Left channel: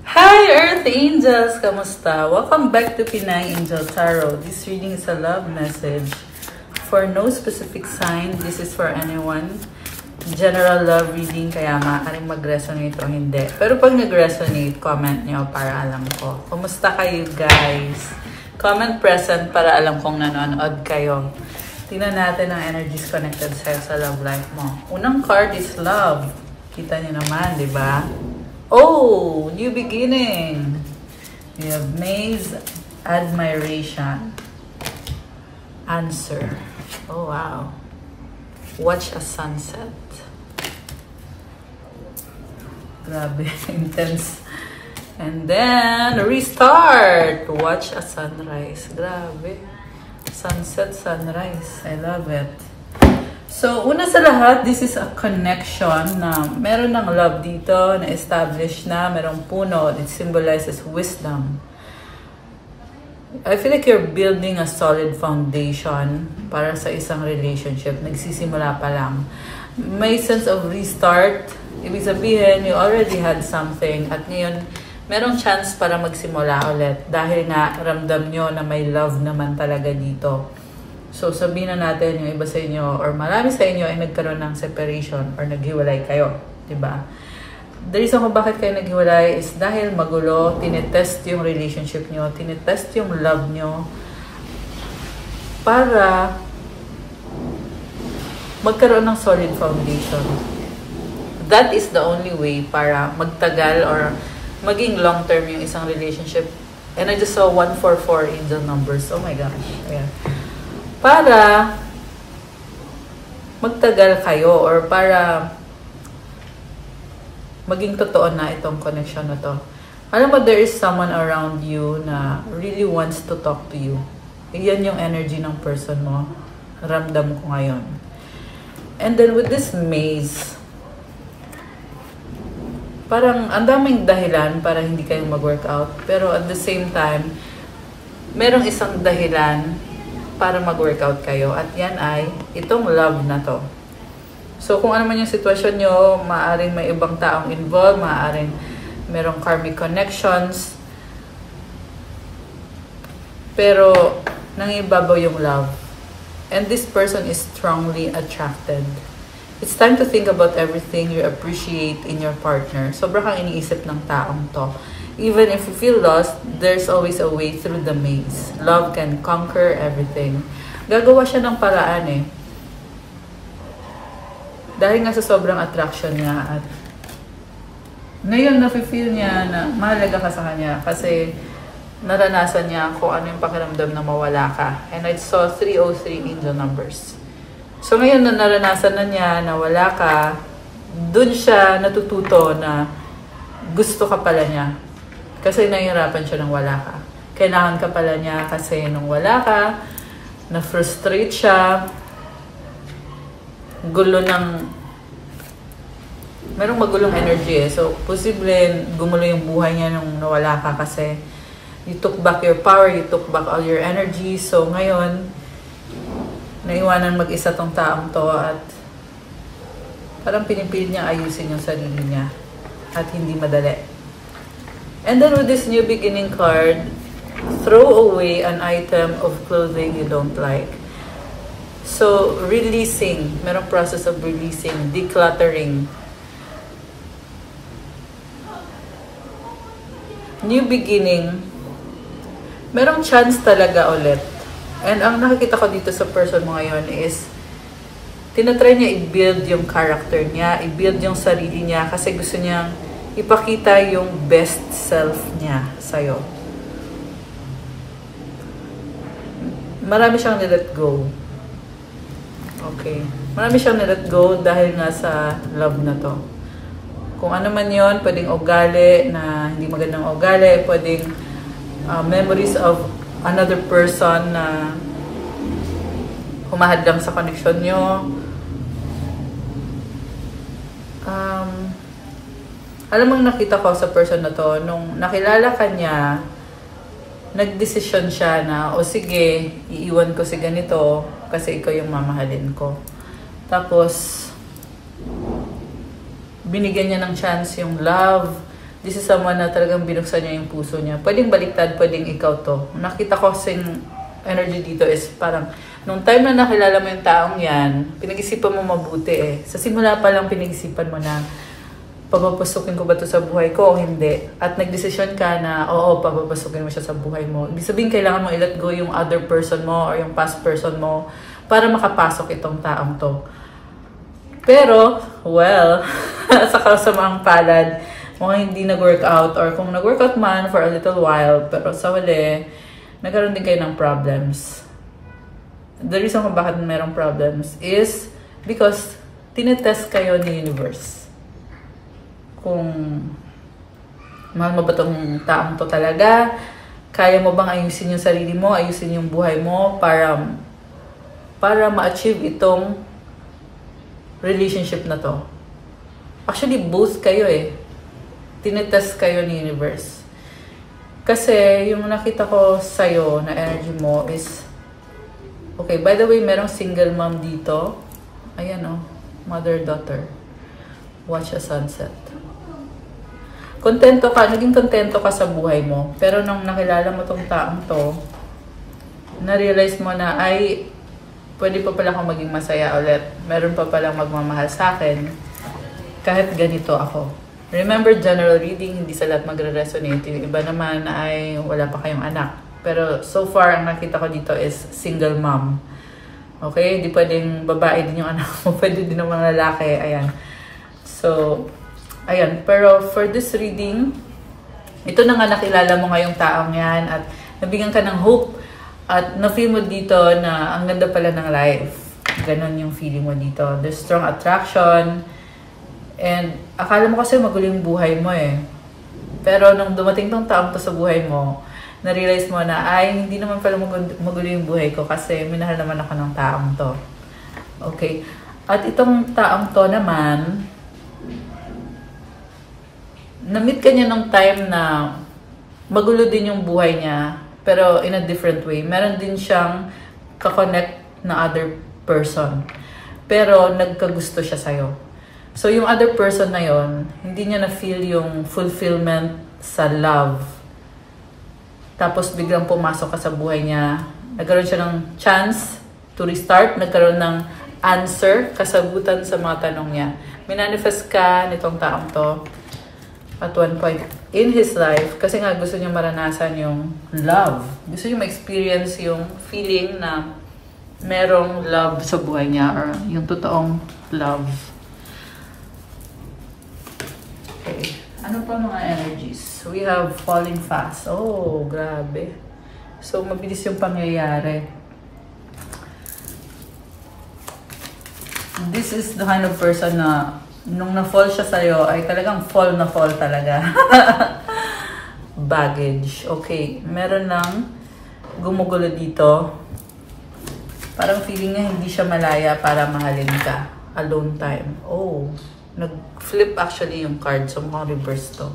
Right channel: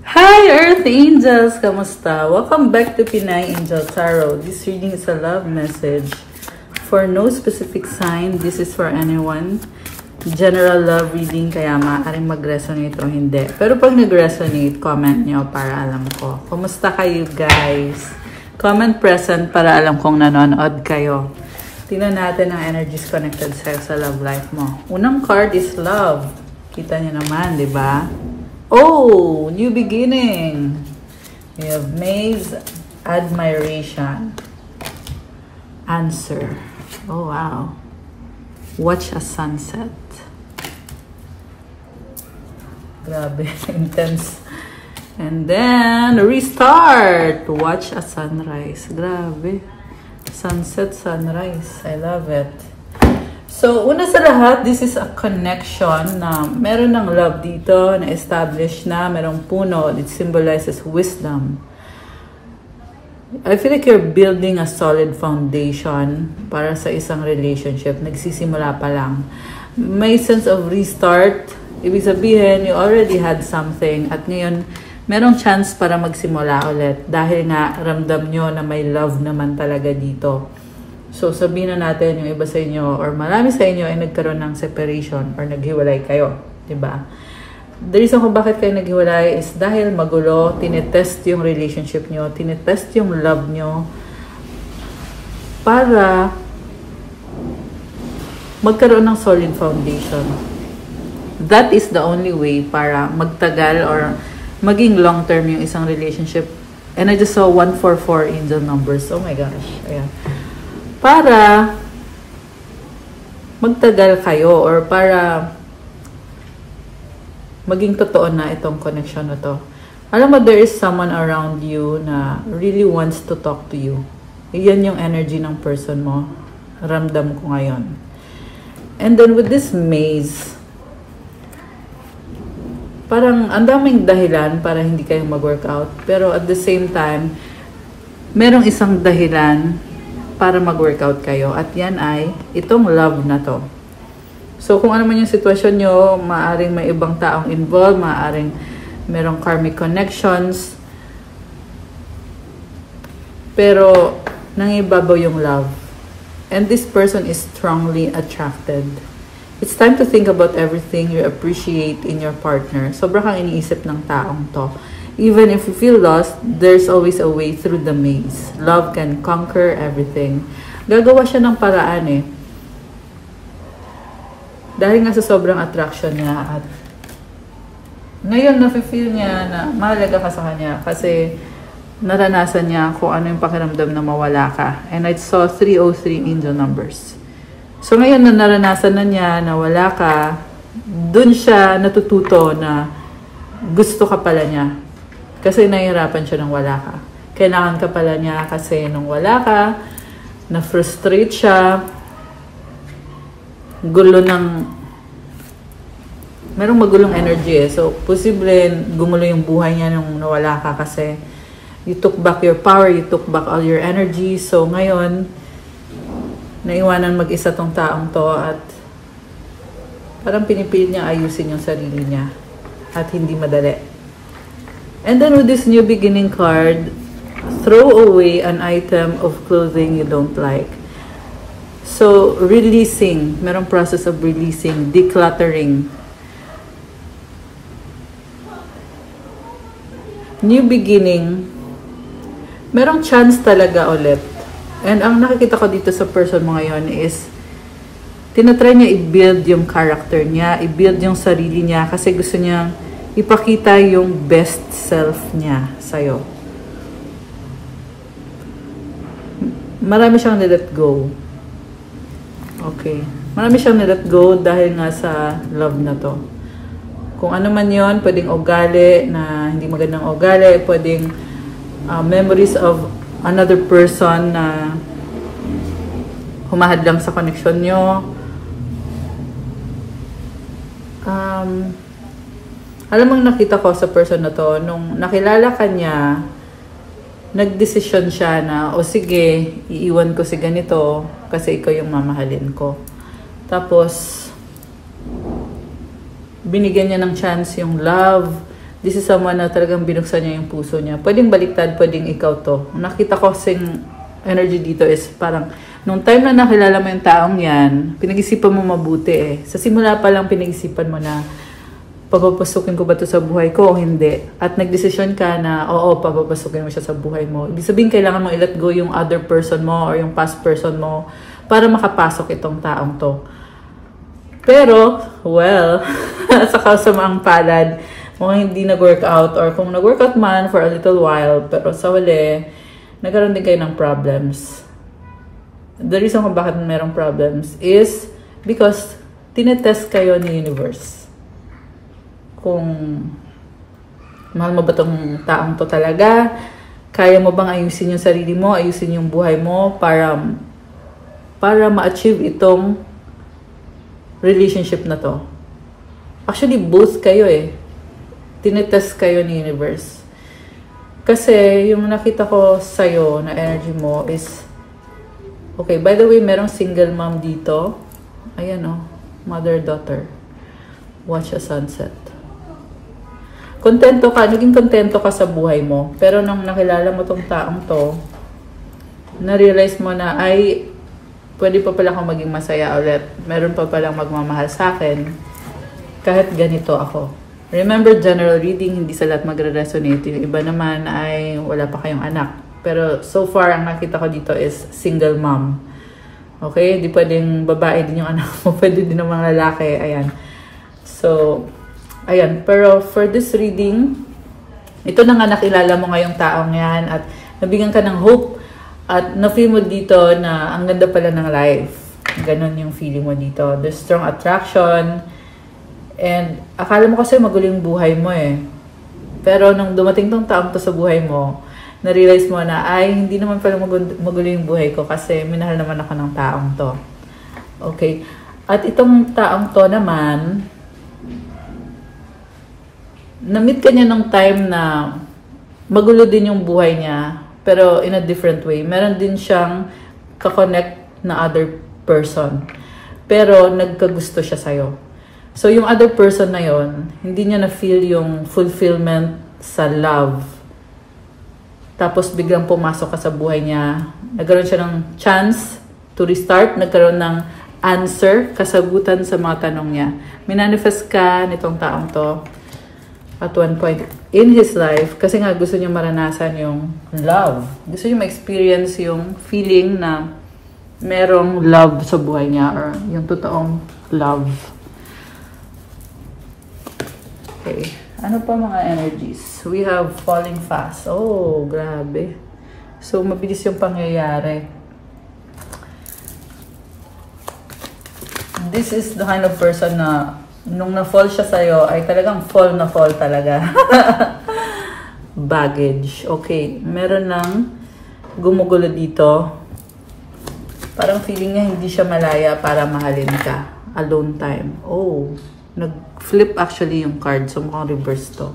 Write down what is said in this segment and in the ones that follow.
Hi Earth Angels! Kamusta? Welcome back to Pinay Angel Tarot. This reading is a love message for no specific sign. This is for anyone. General love reading, kaya maaaring mag-resonate o hindi. Pero pag nag-resonate, comment nyo para alam ko. Kumusta kayo guys? Comment present para alam kong nanonood kayo. Tingnan natin ang energies connected sa'yo sa love life mo. Unang card is love. Kita nyo naman, di ba? Oh, new beginning. We have Maze, admiration, answer. Oh, wow. Watch a sunset. Grabe, intense. And then, restart. Watch a sunrise. Grabe. Sunset, sunrise. I love it. So, una sa lahat, this is a connection na meron ng love dito, na established na, merong puno. It symbolizes wisdom. I feel like you're building a solid foundation para sa isang relationship. Nagsisimula pa lang. May sense of restart. Ibig sabihin, you already had something. At ngayon, merong chance para magsimula ulit. Dahil nga, ramdam nyo na may love naman talaga dito. So, sabihin na natin yung iba sa inyo or marami sa inyo ay nagkaroon ng separation or naghiwalay kayo. Diba? The reason kung bakit kayo naghiwalay is dahil magulo, tinetest yung relationship nyo, tinetest yung love nyo para magkaroon ng solid foundation. That is the only way para magtagal or maging long-term yung isang relationship. And I just saw 144 in the numbers. Oh my gosh. Yeah. Para magtagal kayo or para maging totoo na itong connection na to. Alam mo, there is someone around you na really wants to talk to you. Iyan yung energy ng person mo. Ramdam ko ngayon. And then with this maze, parang ang daming dahilan para hindi kayo mag-workout. Pero at the same time, merong isang dahilan para mag-workout kayo. At yan ay itong love na to. So, kung ano man yung sitwasyon nyo, maaaring may ibang taong involved, maaaring merong karmic connections. Pero, nangibabaw yung love. And this person is strongly attracted. It's time to think about everything you appreciate in your partner. Sobra kang iniisip ng taong to. Even if you feel lost, there's always a way through the maze. Love can conquer everything. Gagawa siya ng paraan eh. Dahil nga sa sobrang attraction niya at ngayon nafe-feel niya na mahalaga ka sa kanya kasi naranasan niya kung ano yung pakiramdam na mawala ka. And I saw 303 in the numbers. So ngayon na naranasan na niya na wala ka, dun siya natututo na gusto ka pala niya. Kasi nahihirapan siya nang wala ka. Kailangan ka pala niya kasi nung wala ka, na-frustrate siya, gulo ng, merong magulong energy eh. So, posible gumulo yung buhay niya nung nawala ka kasi you took back your power, you took back all your energy. So, ngayon, naiwanan mag-isa tong taong to at parang pinipilit niya ayusin yung sarili niya at hindi madali. And then with this new beginning card, throw away an item of clothing you don't like. So, releasing. Merong process of releasing, decluttering. New beginning. Merong chance talaga ulit. And ang nakikita ko dito sa person mo ngayon is tinatry niya i-build yung character niya, i-build yung sarili niya kasi gusto niya ipakita yung best self niya sa'yo. Marami siyang na-let go. Okay. Marami siyang na-let go dahil nga sa love na to. Kung ano man yun, pwedeng ugali na hindi magandang ugali, pwedeng memories of another person na humahadlang sa connection nyo. Alam mo, nakita ko sa person na to, nung nakilala ka niya, nagdesisyon siya na, o sige, iiwan ko si ganito kasi ikaw yung mamahalin ko. Tapos, binigyan niya ng chance yung love, This is someone na talagang binuksan niya yung puso niya. Pwedeng baliktad, pwedeng ikaw to. Nakita ko sing energy dito is parang, nung time na nakilala mo yung taong yan, pinag-isipan mo mabuti eh. Sa simula pa lang pinag-isipan mo na, papapasukin ko ba ito sa buhay ko o hindi? At nagdesisyon ka na, oo, papapasukin mo siya sa buhay mo. Ibig sabihin, kailangan mo i-let go yung other person mo or yung past person mo para makapasok itong taong to. Pero, well, sa kasamaang palad, mukhang hindi nag-work out or kung nag-work out man for a little while, pero sa wali, nagkaroon din kayo ng problems. The reason kung bakit mayroong problems is because tinetest kayo ni universe. Kung mahal mo ba itong taong to talaga, kaya mo bang ayusin yung sarili mo, ayusin yung buhay mo para ma-achieve itong relationship na to. Actually, both kayo eh. Tinetest kayo ni universe. Kasi yung nakita ko sa'yo na energy mo is, okay, by the way, merong single mom dito. Ayan o, mother-daughter. Watch a sunset. Kontento ka, naging kontento ka sa buhay mo. Pero nung nakilala mo tong taong to, na-realize mo na, ay, pwede pa pala akong maging masaya ulit. Meron pa pala magmamahal sa akin. Kahit ganito ako. Remember, general reading, hindi sa lahat magre-resonate. Yung iba naman ay wala pa kayong anak. Pero so far, ang nakita ko dito is single mom. Okay? Hindi pwedeng babae din yung anak mo. Pwede din ng mga lalaki. Ayan. So, ayan, pero for this reading, ito na nga nakilala mo ngayong taong yan at nabigyan ka ng hope at na-feel mo dito na ang ganda pala ng life. Ganon yung feeling mo dito. There's strong attraction and akala mo kasi maguling buhay mo eh. Pero nung dumating tong taong to sa buhay mo, na-realize mo na ay hindi naman pala maguling buhay ko kasi minahal naman ako ng taong to. Okay. At itong taong to naman, na-meet ka niya ng time na magulo din yung buhay niya, pero in a different way. Meron din siyang kakonect na other person. Pero nagkagusto siya sa'yo. So yung other person na yon, hindi niya na-feel yung fulfillment sa love. Tapos biglang pumasok ka sa buhay niya. Nagkaroon siya ng chance to restart. Nagkaroon ng answer, kasagutan sa mga tanong niya. Minanifest ka nitong taong to at one point in his life, kasi nga gusto niya maranasan yung love. Gusto niya ma-experience yung feeling na merong love sa buhay niya or yung totoong love. Okay. Ano pa mga energies? We have falling fast. Oh, grabe. So, mabilis yung pangyayari. This is the kind of person na nung na-fall siya sa'yo, ay talagang fall na fall talaga. Baggage. Okay. Meron lang gumugulo dito. Parang feeling niya hindi siya malaya para mahalin ka. Alone time. Oh. Nag-flip actually yung card. So, mukhang reverse to.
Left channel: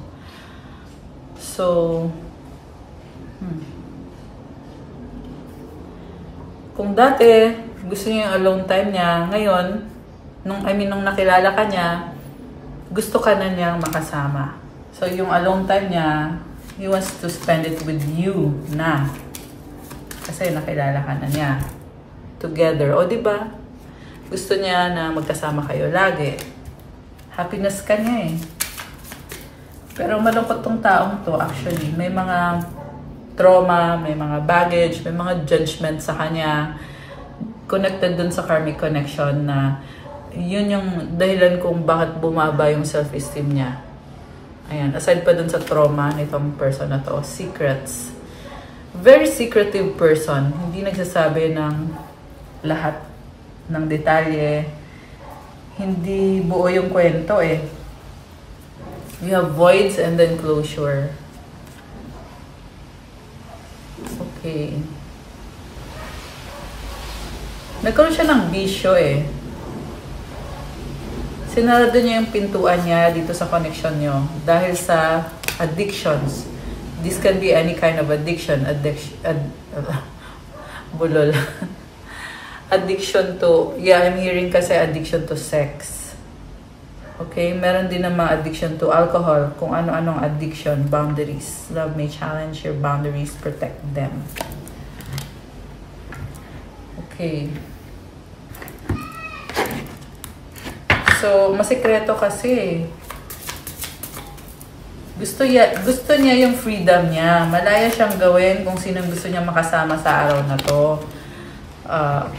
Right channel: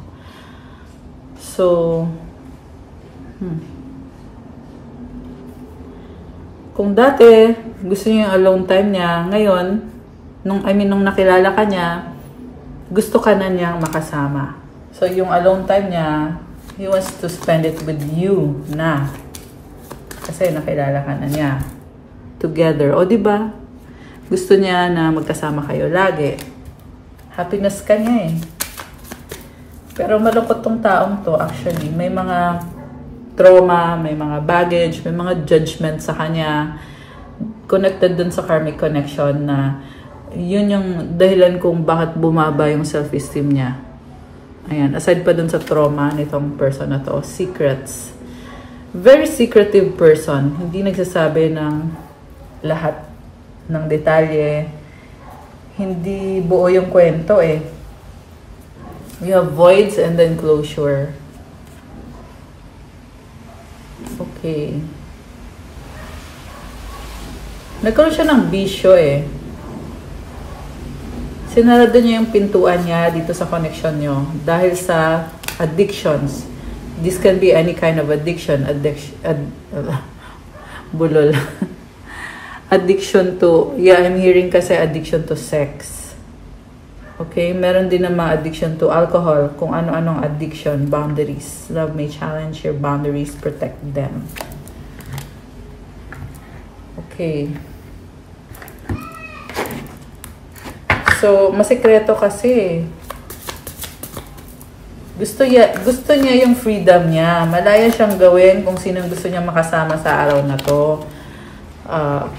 So, kung dati, gusto niya yung alone time niya, ngayon, nung nakilala ka niya, gusto ka na niyang makasama. So, yung alone time niya, he wants to spend it with you na. Kasi nakilala ka na niya. Together. O, diba? Gusto niya na magkasama kayo lagi. Happiness ka niya eh. Pero malungkot tong taong to, actually. May mga trauma, may mga baggage, may mga judgment sa kanya. Connected dun sa karmic connection na yun yung dahilan kung bakit bumaba yung self-esteem niya. Ayan, aside pa dun sa trauma nitong person na to, secrets. Very secretive person. Hindi nagsasabi ng lahat ng detalye. Hindi buo yung kwento eh. We have voids and then closure. Okay. Nagkaroon siya ng bisyo eh. Sinarado niya yung pintuan niya dito sa connection niyo dahil sa addictions. This can be any kind of addiction. Bulol. Addiction to, yeah, I'm hearing kasi addiction to sex. Okay, meron din naman addiction to alcohol, kung ano-anong addiction, boundaries. Love may challenge your boundaries, protect them. Okay. So, masikreto kasi. Gusto niya yung freedom niya. Malaya siyang gawin kung sinong gusto niya makasama sa araw na to.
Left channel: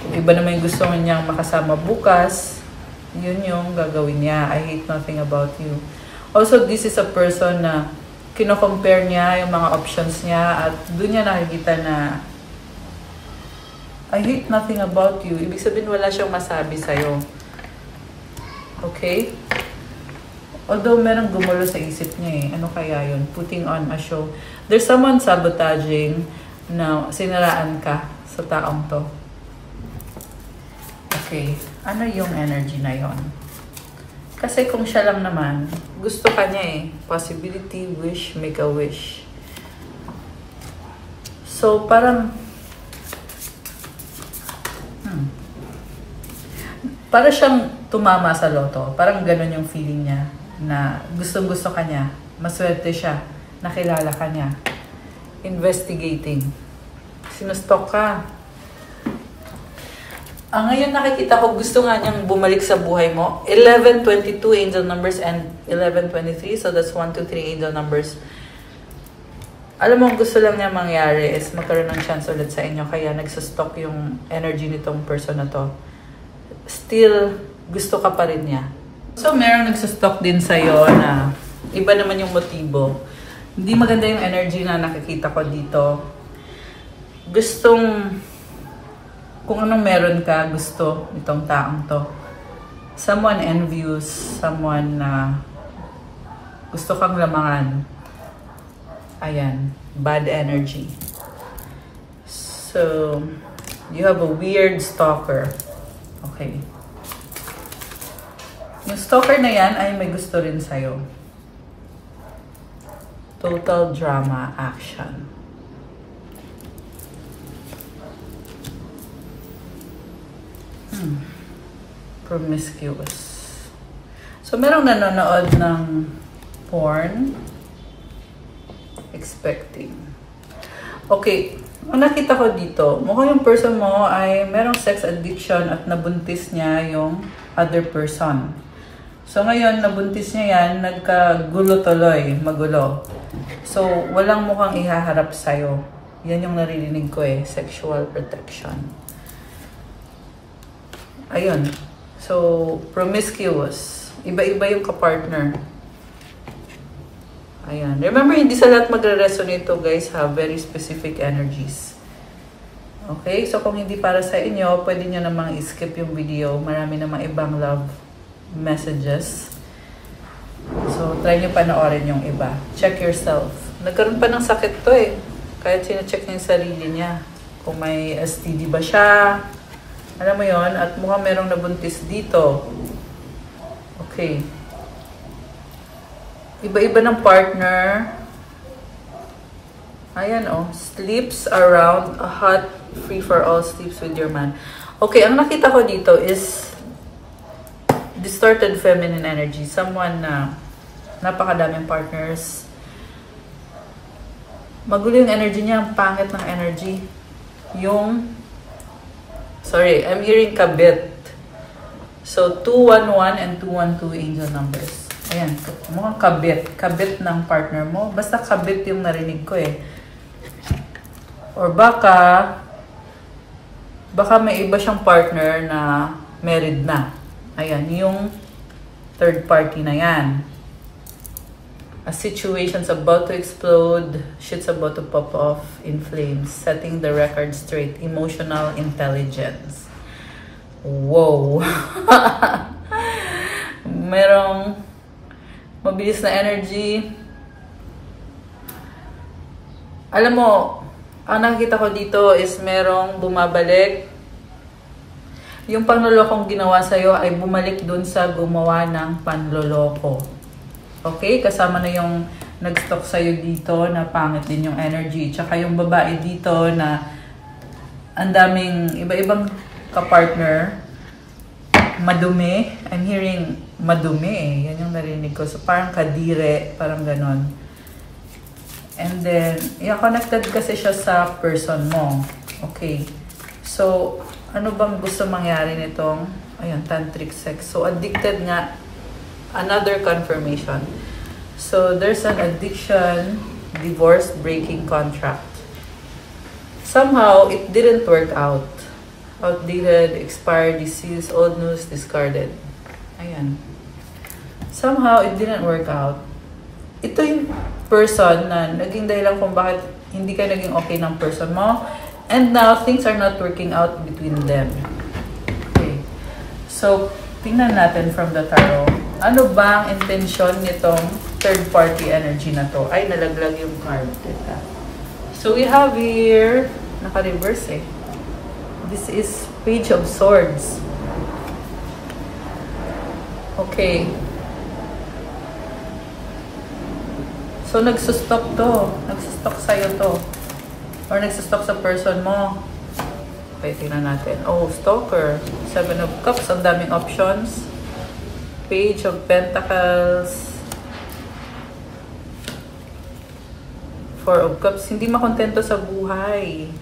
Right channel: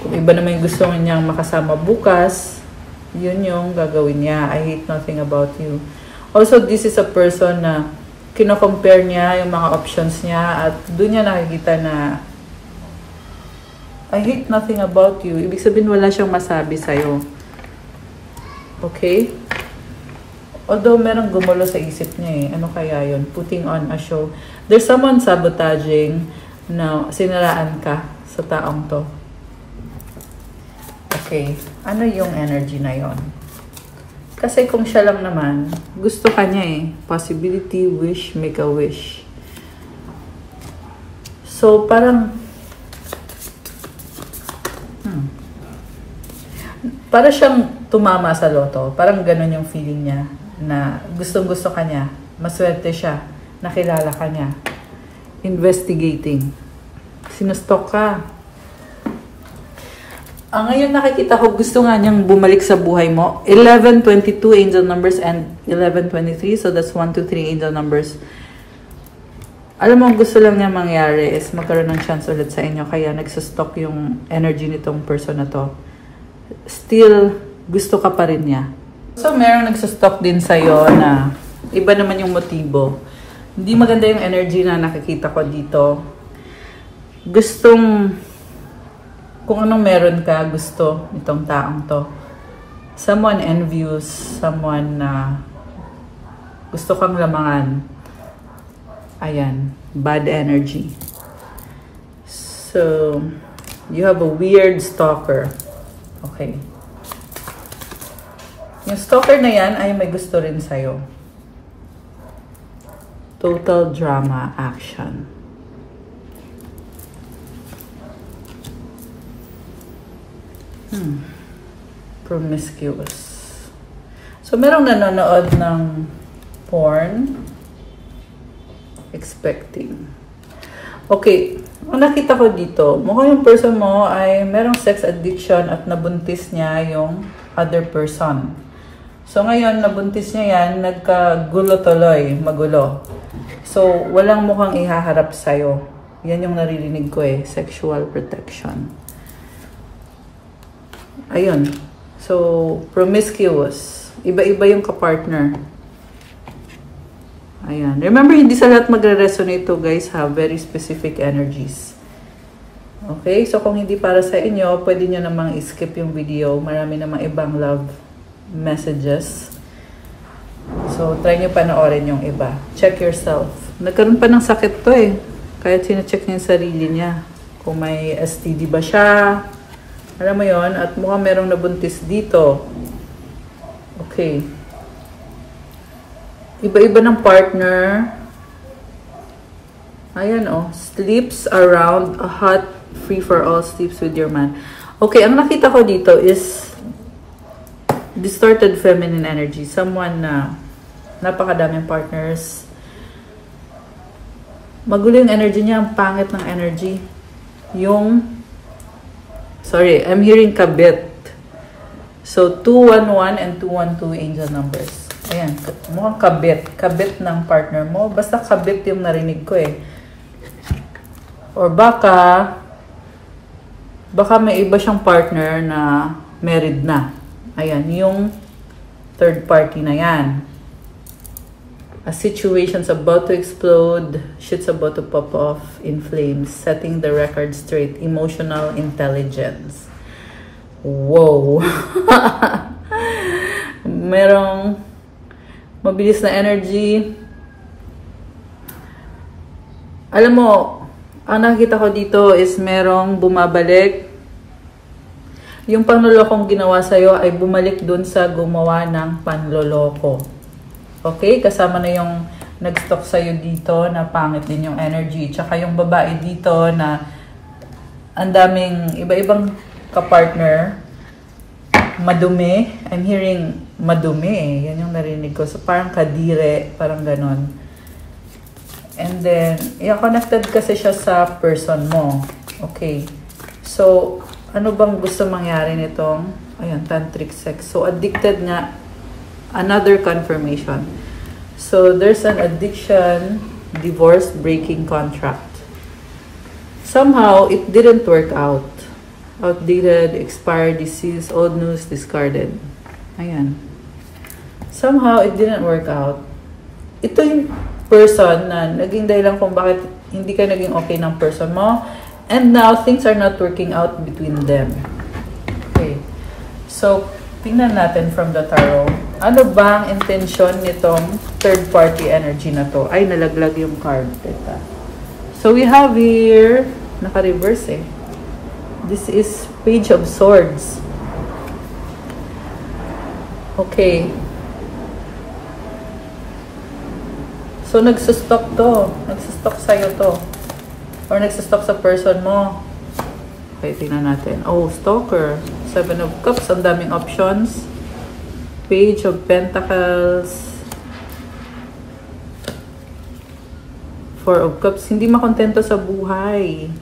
Kung iba naman yung gusto niya makasama bukas, yun yung gagawin niya. I hate nothing about you. Also, this is a person na kino-compare niya yung mga options niya at doon niya nakikita na I hate nothing about you. Ibig sabihin wala siyang masabi sa'yo. Okay? Although merong gumulo sa isip niya eh. Ano kaya yun? Putting on a show. There's someone sabotaging na sinaraan ka sa taong to. Okay. Ano yung energy na yon? Kasi kung siya lang naman, gusto ka niya eh. Possibility, wish, make a wish. So, parang para siyang tumama sa loto. Parang ganun yung feeling niya na gustong-gusto ka niya. Maswerte siya. Nakilala ka niya. Investigating. Sinustok ka. Ngayon nakikita ko gusto nga niyang bumalik sa buhay mo. 11-22 angel numbers and 11-23. So that's 1, 2, 3 angel numbers. Alam mo, gusto lang niya mangyari is magkaroon ng chance ulit sa inyo. Kaya nagsustok yung energy nitong person na to. Still, gusto ka pa rin niya. So, merong nagsastock din sa'yo na iba naman yung motibo. Hindi maganda yung energy na nakikita ko dito. Gustong, kung anong meron ka, gusto itong taong to. Someone envious, someone na gusto kang lamangan. Ayan, bad energy. So, you have a weird stalker. Okay. Yung stalker na yan ay may gusto rin sa'yo. Total drama action. Promiscuous. So, merong nanonood ng porn. Expecting. Okay. Ang nakita ko dito, mukhang yung person mo ay merong sex addiction at nabuntis niya yung other person. So, ngayon, nabuntis niya yan, nagkagulo tuloy, magulo. So, walang mukhang ihaharap sa'yo. Yan yung naririnig ko eh, sexual protection. Ayun. So, promiscuous. Iba-iba yung kapartner. Ayan. Remember, hindi sa lahat magre-resonate to, guys, ha? Very specific energies. Okay? So, kung hindi para sa inyo, pwede nyo namang i-skip yung video. Marami namang ibang love messages. So, try nyo panoorin yung iba. Check yourself. Nagkaroon pa ng sakit to eh. Kahit sina-check niya yung sarili niya. Kung may STD ba siya. Alam mo yon. At mukhang merong nabuntis dito. Okay. Iba-iba ng partner. Ayan oh. Sleeps around a hot free-for-all sleeps with your man. Okay, ang nakita ko dito is distorted feminine energy. Someone na napakadaming partners. Magulo yung energy niya. Ang pangit ng energy. Sorry, I'm hearing kabit. So, 211 and 212 angel numbers. Ayan, mukhang kabit. Kabit ng partner mo. Basta kabit yung narinig ko eh. Or baka may iba siyang partner na married na. Ayan, yung third party na yan. A situation's about to explode. Shit's about to pop off in flames. Setting the record straight. Emotional intelligence. Whoa. Merong mabilis na energy. Alam mo, ang nakikita ko dito is merong bumabalik. Yung panlolokong ginawa sa'yo ay bumalik dun sa gumawa ng panloloko. Okay? Kasama na yung nag-stock sa'yo dito na pangit din yung energy. Tsaka yung babae dito na ang daming iba-ibang kapartner. Madumi. I'm hearing madumi eh. Yan yung narinig ko. So, parang kadire, parang ganon. And then, connected kasi siya sa person mo. Okay. So, ano bang gusto mangyari nitong, ayan, tantric sex. So, addicted nga. Another confirmation. So, there's an addiction, divorce, breaking contract. Somehow, it didn't work out. Outdated, expired, deceased, old news, discarded. Ayan. Somehow, it didn't work out. Ito yung person na naging dahilan kung bakit hindi ka naging okay ng person mo. And now, things are not working out between them. Okay. So, tingnan natin from the tarot. Ano ba ang intention nitong third-party energy na to? Ay, nalaglag yung card. Teka. So, we have here, naka-reverse eh. This is Page of Swords. Okay. So, nagsustok to. Nagsustok sa'yo to. Or nagsustok sa person mo. Okay, tingnan natin. Oh, stalker. Seven of Cups. Ang daming options. Page of Pentacles. Four of Cups. Hindi makontento sa buhay.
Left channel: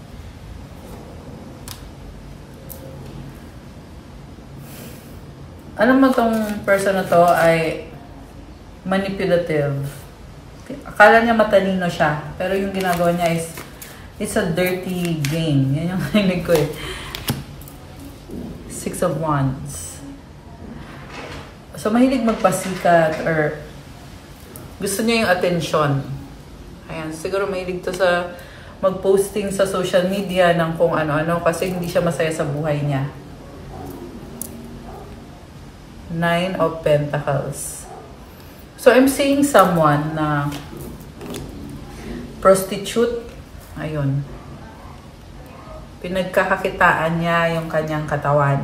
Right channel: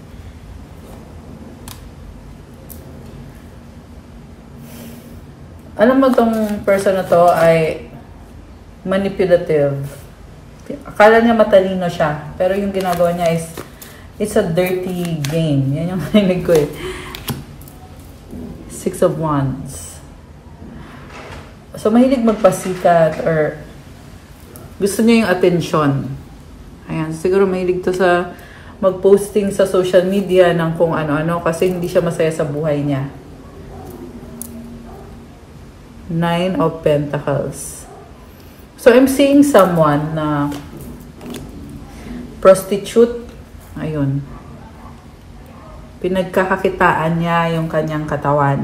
Alam mo tong person na to ay manipulative. Akala niya matalino siya. Pero yung ginagawa niya is, it's a dirty game. Yan yung narinig ko eh. Six of Wands. So, mahilig magpasikat or gusto niya yung attention. Ayan. Siguro mahilig to sa mag-posting sa social media ng kung ano-ano kasi hindi siya masaya sa buhay niya. Nine of Pentacles. So, I'm seeing someone na prostitute. Ayun. Pinagkakakitaan niya yung kanyang katawan.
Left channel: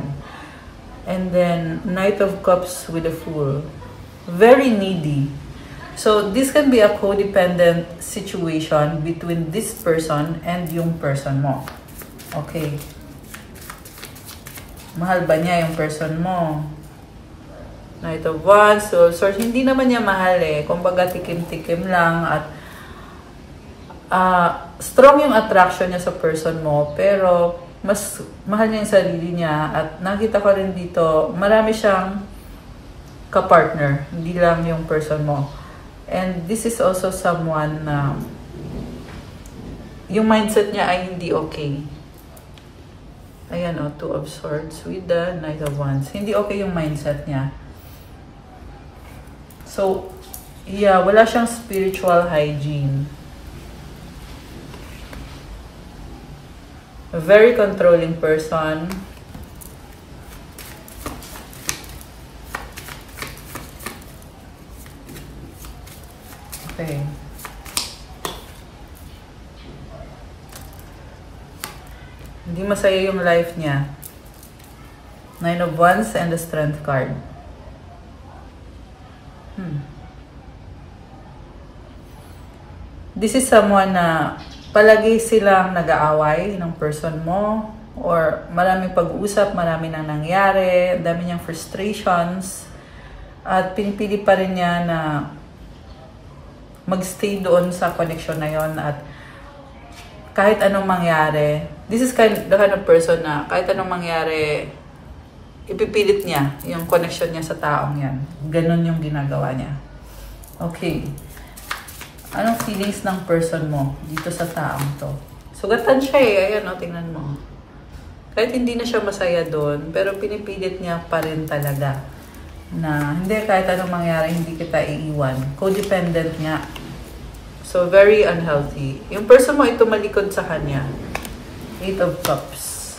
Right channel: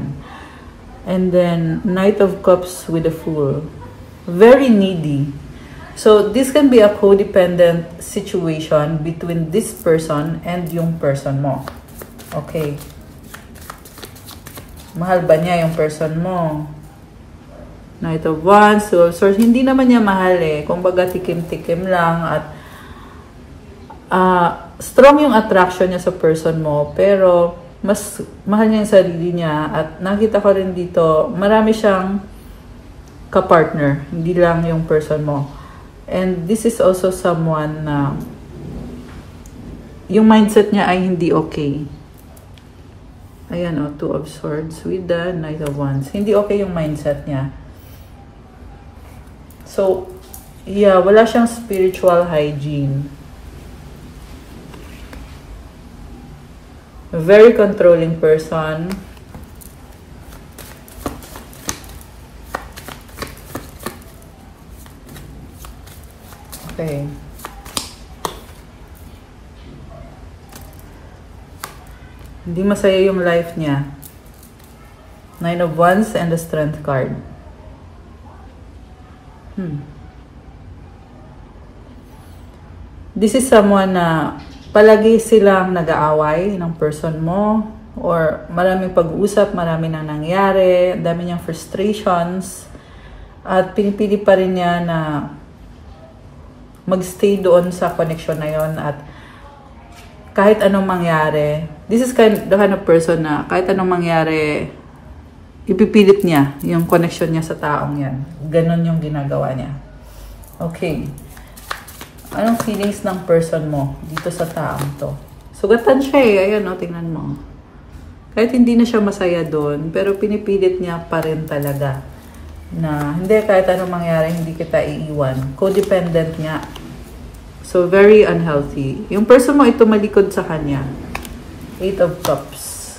And then, Knight of Cups with a Fool. Very needy. So, this can be a codependent situation between this person and yung person mo. Okay. Mahal ba niya yung person mo? Knight of Wands. So, hindi naman niya mahal eh. Kumbaga, tikim-tikim lang at strong yung attraction niya sa person mo, pero mas mahal niya yung sarili niya. At nakita ko rin dito, marami siyang ka-partner, hindi lang yung person mo. And this is also someone na yung mindset niya ay hindi okay. Ayan o, Two of Swords with the Knight of Wands. Hindi okay yung mindset niya. So, yeah, wala siyang spiritual hygiene. A very controlling person. Okay. Hindi masaya yung life niya. Nine of Wands and the Strength card. This is someone na palagi silang nag-aaway ng person mo or maraming pag-uusap, marami nang nangyari, dami niyang frustrations at pinipili pa rin niya na magstay doon sa connection na yon at kahit anong mangyari, this is the kind of person na kahit anong mangyari, ipipilit niya yung connection niya sa taong yan. Ganon yung ginagawa niya. Okay. Anong feelings ng person mo dito sa taong to? Sugatan siya eh. Ayan o, tingnan mo. Kahit hindi na siya masaya doon, pero pinipilit niya pa rin talaga na hindi, kahit anong mangyari, hindi kita iiwan. Codependent niya. So, very unhealthy. Yung person mo ay tumalikod sa kanya. Eight of Cups.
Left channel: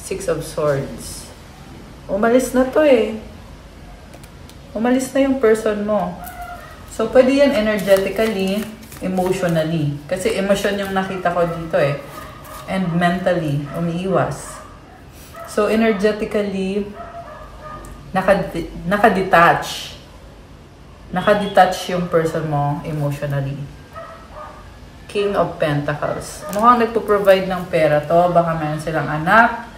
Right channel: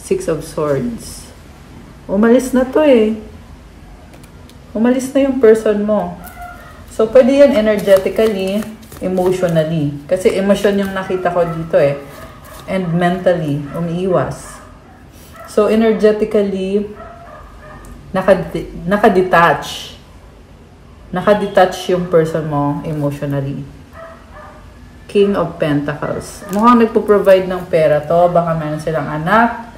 Six of Swords. Umalis na to eh. Umalis na yung person mo. So, pwede yan energetically, emotionally. Kasi emotion yung nakita ko dito eh. And mentally, umiiwas. So, energetically, nakadetach. Nakadetach yung person mo emotionally. King of Pentacles. Mukhang nagpo-provide ng pera to. Baka meron silang anak.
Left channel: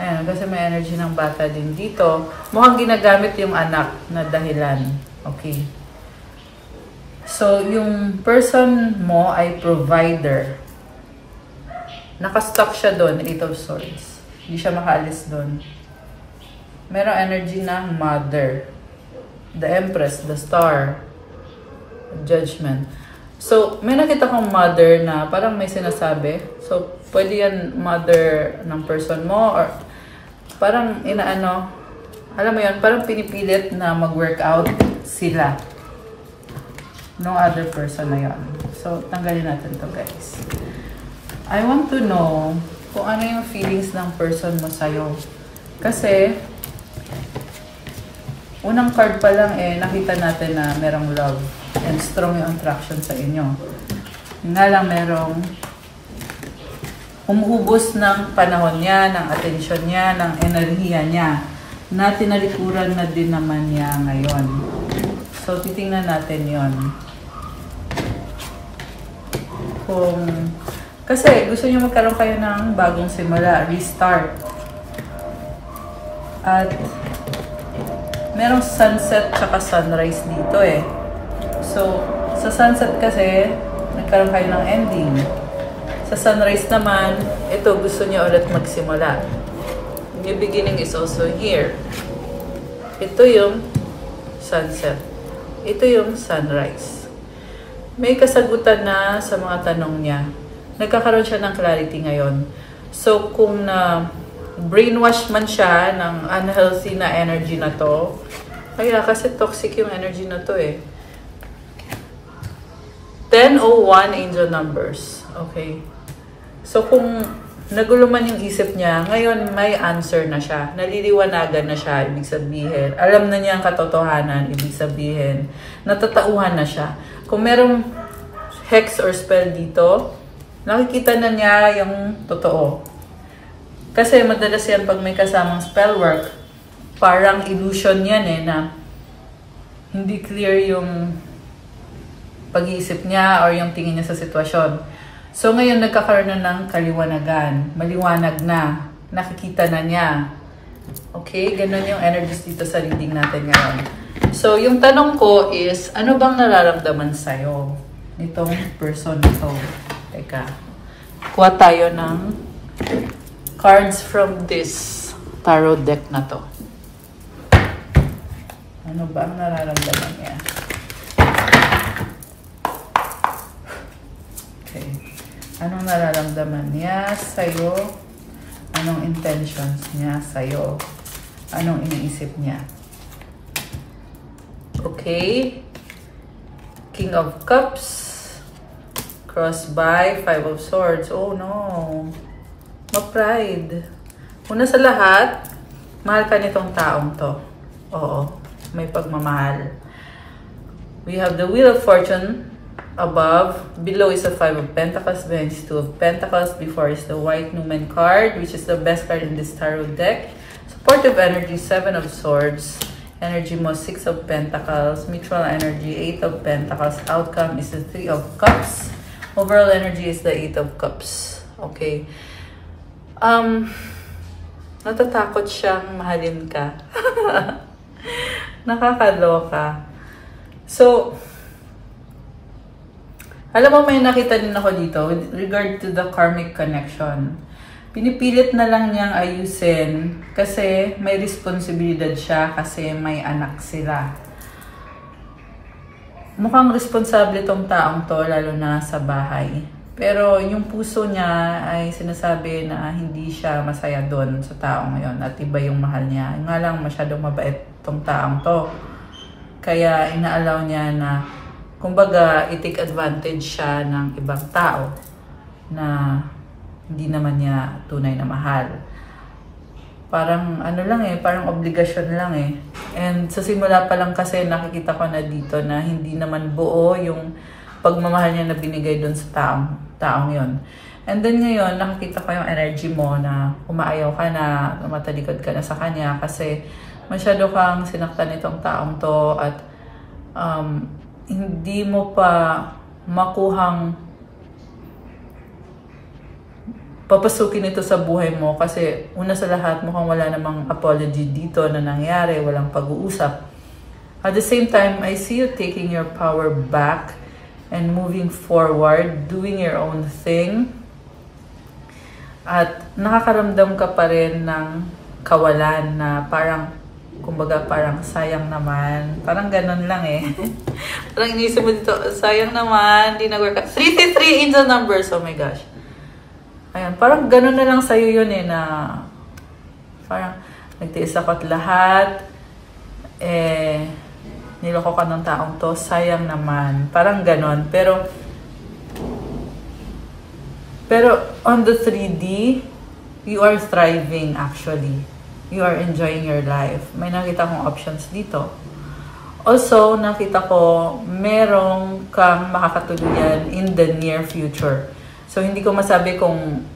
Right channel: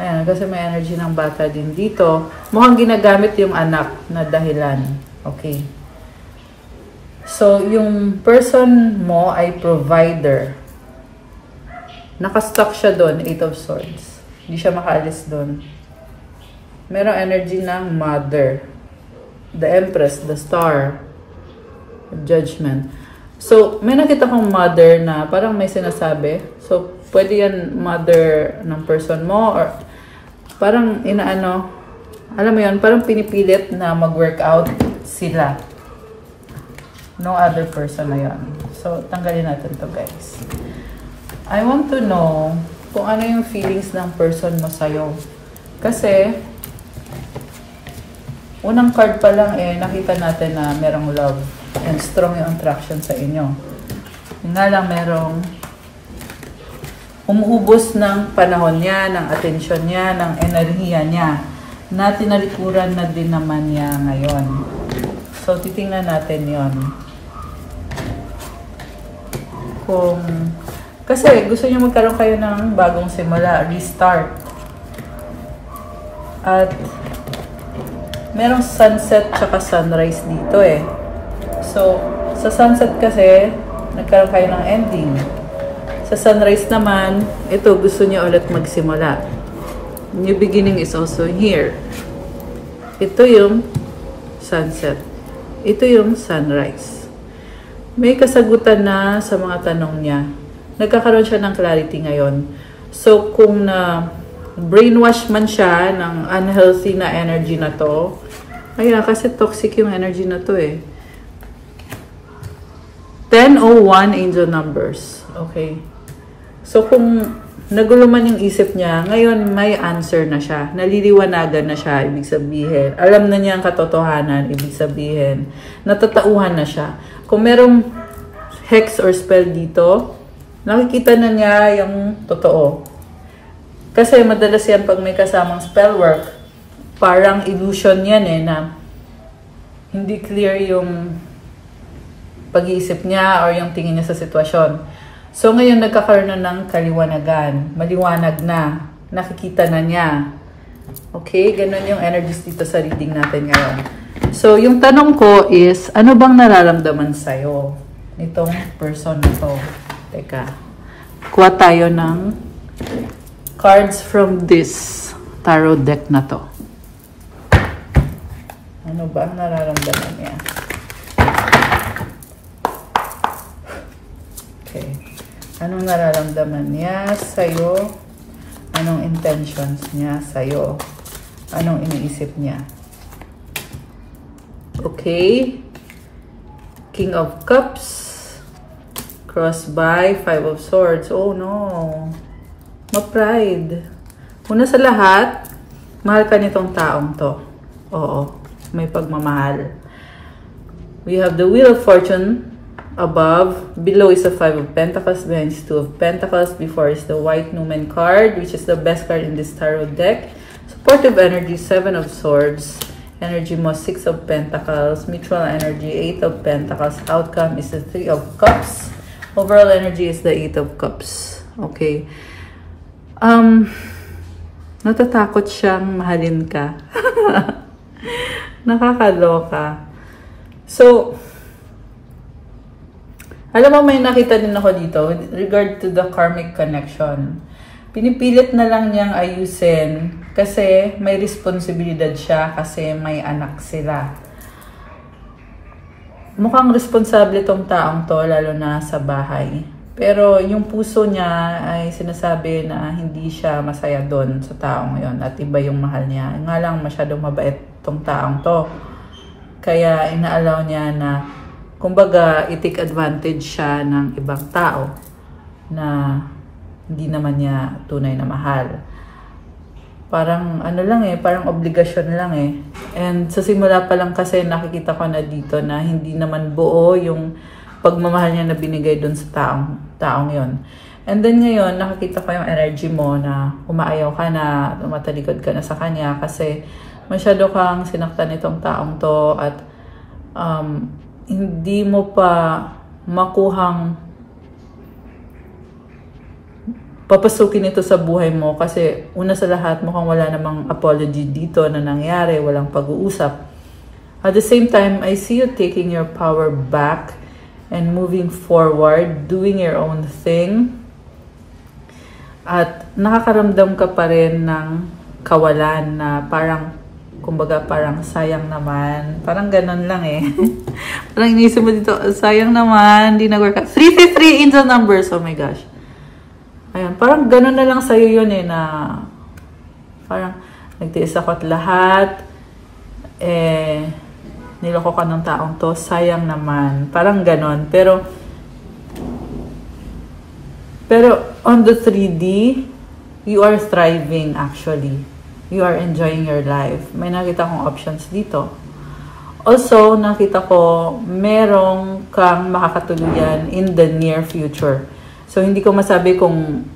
Ayan, kasi may energy ng bata din dito. Mukhang ginagamit yung anak na dahilan. Okay. So, yung person mo ay provider. Nakastuck siya doon, 8 of Swords. Hindi siya makaalis doon. Merong energy ng mother. The Empress, the Star. Judgment. So, may nakita kong mother na parang may sinasabi. So, pwede yan mother ng person mo or parang inaano, alam mo yun, parang pinipilit na mag-workout sila. No other person na yun. So, tanggalin natin to guys. I want to know kung ano yung feelings ng person mo sa'yo. Kasi, unang card pa lang nakita natin na merong love and strong yung attraction sa inyo. Nga lang merong umuubos ng panahon niya, ng atensyon niya, ng enerhiya niya na tinalikuran na din naman niya ngayon. So, titingnan natin yon. Kasi gusto niyo magkaroon kayo ng bagong simula, restart. At merong sunset tsaka sunrise dito So, sa sunset kasi, nagkaroon kayo ng ending. Sa sunrise naman, ito gusto niyo ulit magsimula. New beginning is also here. Ito yung sunset. Ito yung sunrise. May kasagutan na sa mga tanong niya. Nagkakaroon siya ng clarity ngayon. So, kung brainwash man siya ng unhealthy na energy na to, kaya kasi toxic yung energy na to 1001 angel numbers. Okay. So, kung nagulo man yung isip niya, ngayon may answer na siya. Naliliwanagan na siya, ibig sabihin. Alam na niya ang katotohanan, ibig sabihin. Natatauhan na siya. Kung merong hex or spell dito, nakikita na niya yung totoo. Kasi madalas yan pag may kasamang spell work, parang illusion yan na hindi clear yung pag-iisip niya or yung tingin niya sa sitwasyon. So ngayon nagkakaroon na ng kaliwanagan, maliwanag na, nakikita na niya. Okay, ganun yung energies dito sa reading natin ngayon. So yung tanong ko is, ano bang nararamdaman sa'yo nitong person ito? Teka, kuha tayo ng cards from this tarot deck na to. Ano ba ang nararamdaman niya? Okay. Anong nararamdaman niya sa'yo? Anong intentions niya sa'yo? Anong iniisip niya? Okay. King of Cups. Cross by 5 of Swords. Oh no. No pride. Una sa lahat, mahal ka nitong taong to. Oo. May pagmamahal. We have the Wheel of Fortune above. Below is the 5 of Pentacles. Behind is 2 of Pentacles. Before is the White Numen card, which is the best card in this tarot deck. Supportive energy, 7 of Swords. Energy mo, 6 of Pentacles. Mutual energy, 8 of Pentacles. Outcome is the 3 of Cups. Overall energy is the 8 of Cups. Okay. Natatakot siyang mahalin ka. Nakakaloka. So, alam mo, may nakita din ako dito with regard to the karmic connection. Pinipilit na lang niyang ayusin kasi may responsibilidad siya kasi may anak sila. Mukhang responsable tong taong to, lalo na sa bahay. Pero yung puso niya ay sinasabi na hindi siya masaya doon sa taong ngayon at iba yung mahal niya. Nga lang masyadong mabait tong taong to. Kaya inaalaw niya na kumbaga i-take advantage siya ng ibang tao na hindi naman niya tunay na mahal. Parang ano lang parang obligasyon lang And sa simula pa lang kasi nakikita ko na dito na hindi naman buo yung pagmamahal niya na binigay dun sa taong yon. And then ngayon, nakikita ko yung energy mo na umaayaw ka na, tumatalikod ka na sa kanya kasi masyado kang sinaktan nitong taong to at hindi mo pa makuhang papasukin ito sa buhay mo kasi una sa lahat mukhang wala namang apology dito na nangyari, walang pag-uusap. At the same time, I see you taking your power back and moving forward, doing your own thing. At nakakaramdam ka pa rin ng kawalan na parang, kumbaga parang sayang naman. Parang ganun lang eh. Parang inisip mo dito, sayang naman, di nag-work out. 353 in the numbers, oh my gosh. Ayun, parang ganun na lang sa'yo yun eh, na parang nagtiis ako at lahat, niloko ka ng taong to, sayang naman. Parang ganun. Pero on the 3D, you are thriving actually. You are enjoying your life. May nakita kong options dito. Also, nakita ko, merong kang makakatuluyan in the near future. So, hindi ko masabi kung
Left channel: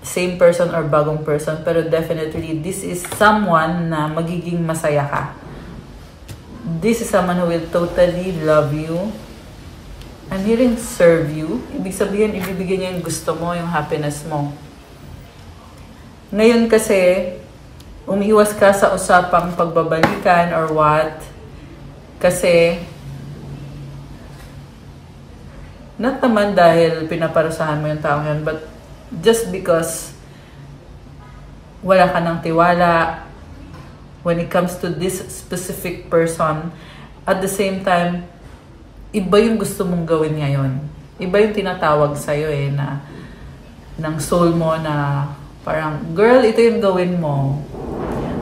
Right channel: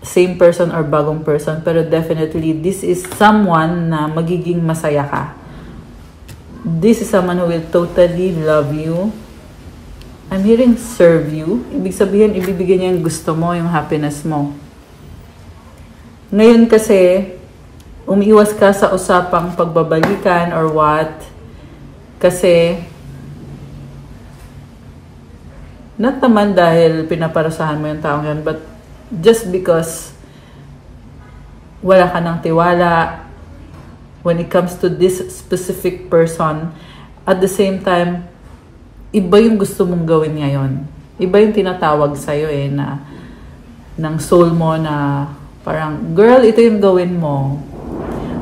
same person or bagong person, pero definitely, this is someone na magiging masaya ka. This is someone who will totally love you. I'm hearing serve you. Ibig sabihin, ibibigay niya yung gusto mo, yung happiness mo. Ngayon kasi, umiiwas ka sa usapang pagbabalikan or what. Kasi, not naman dahil pinaparasahan mo yung taong yun, but just because wala ka ng tiwala when it comes to this specific person. At the same time, iba yung gusto mong gawin ngayon. Iba yung tinatawag sa'yo eh, na ng soul mo na parang, girl, ito yung gawin mo.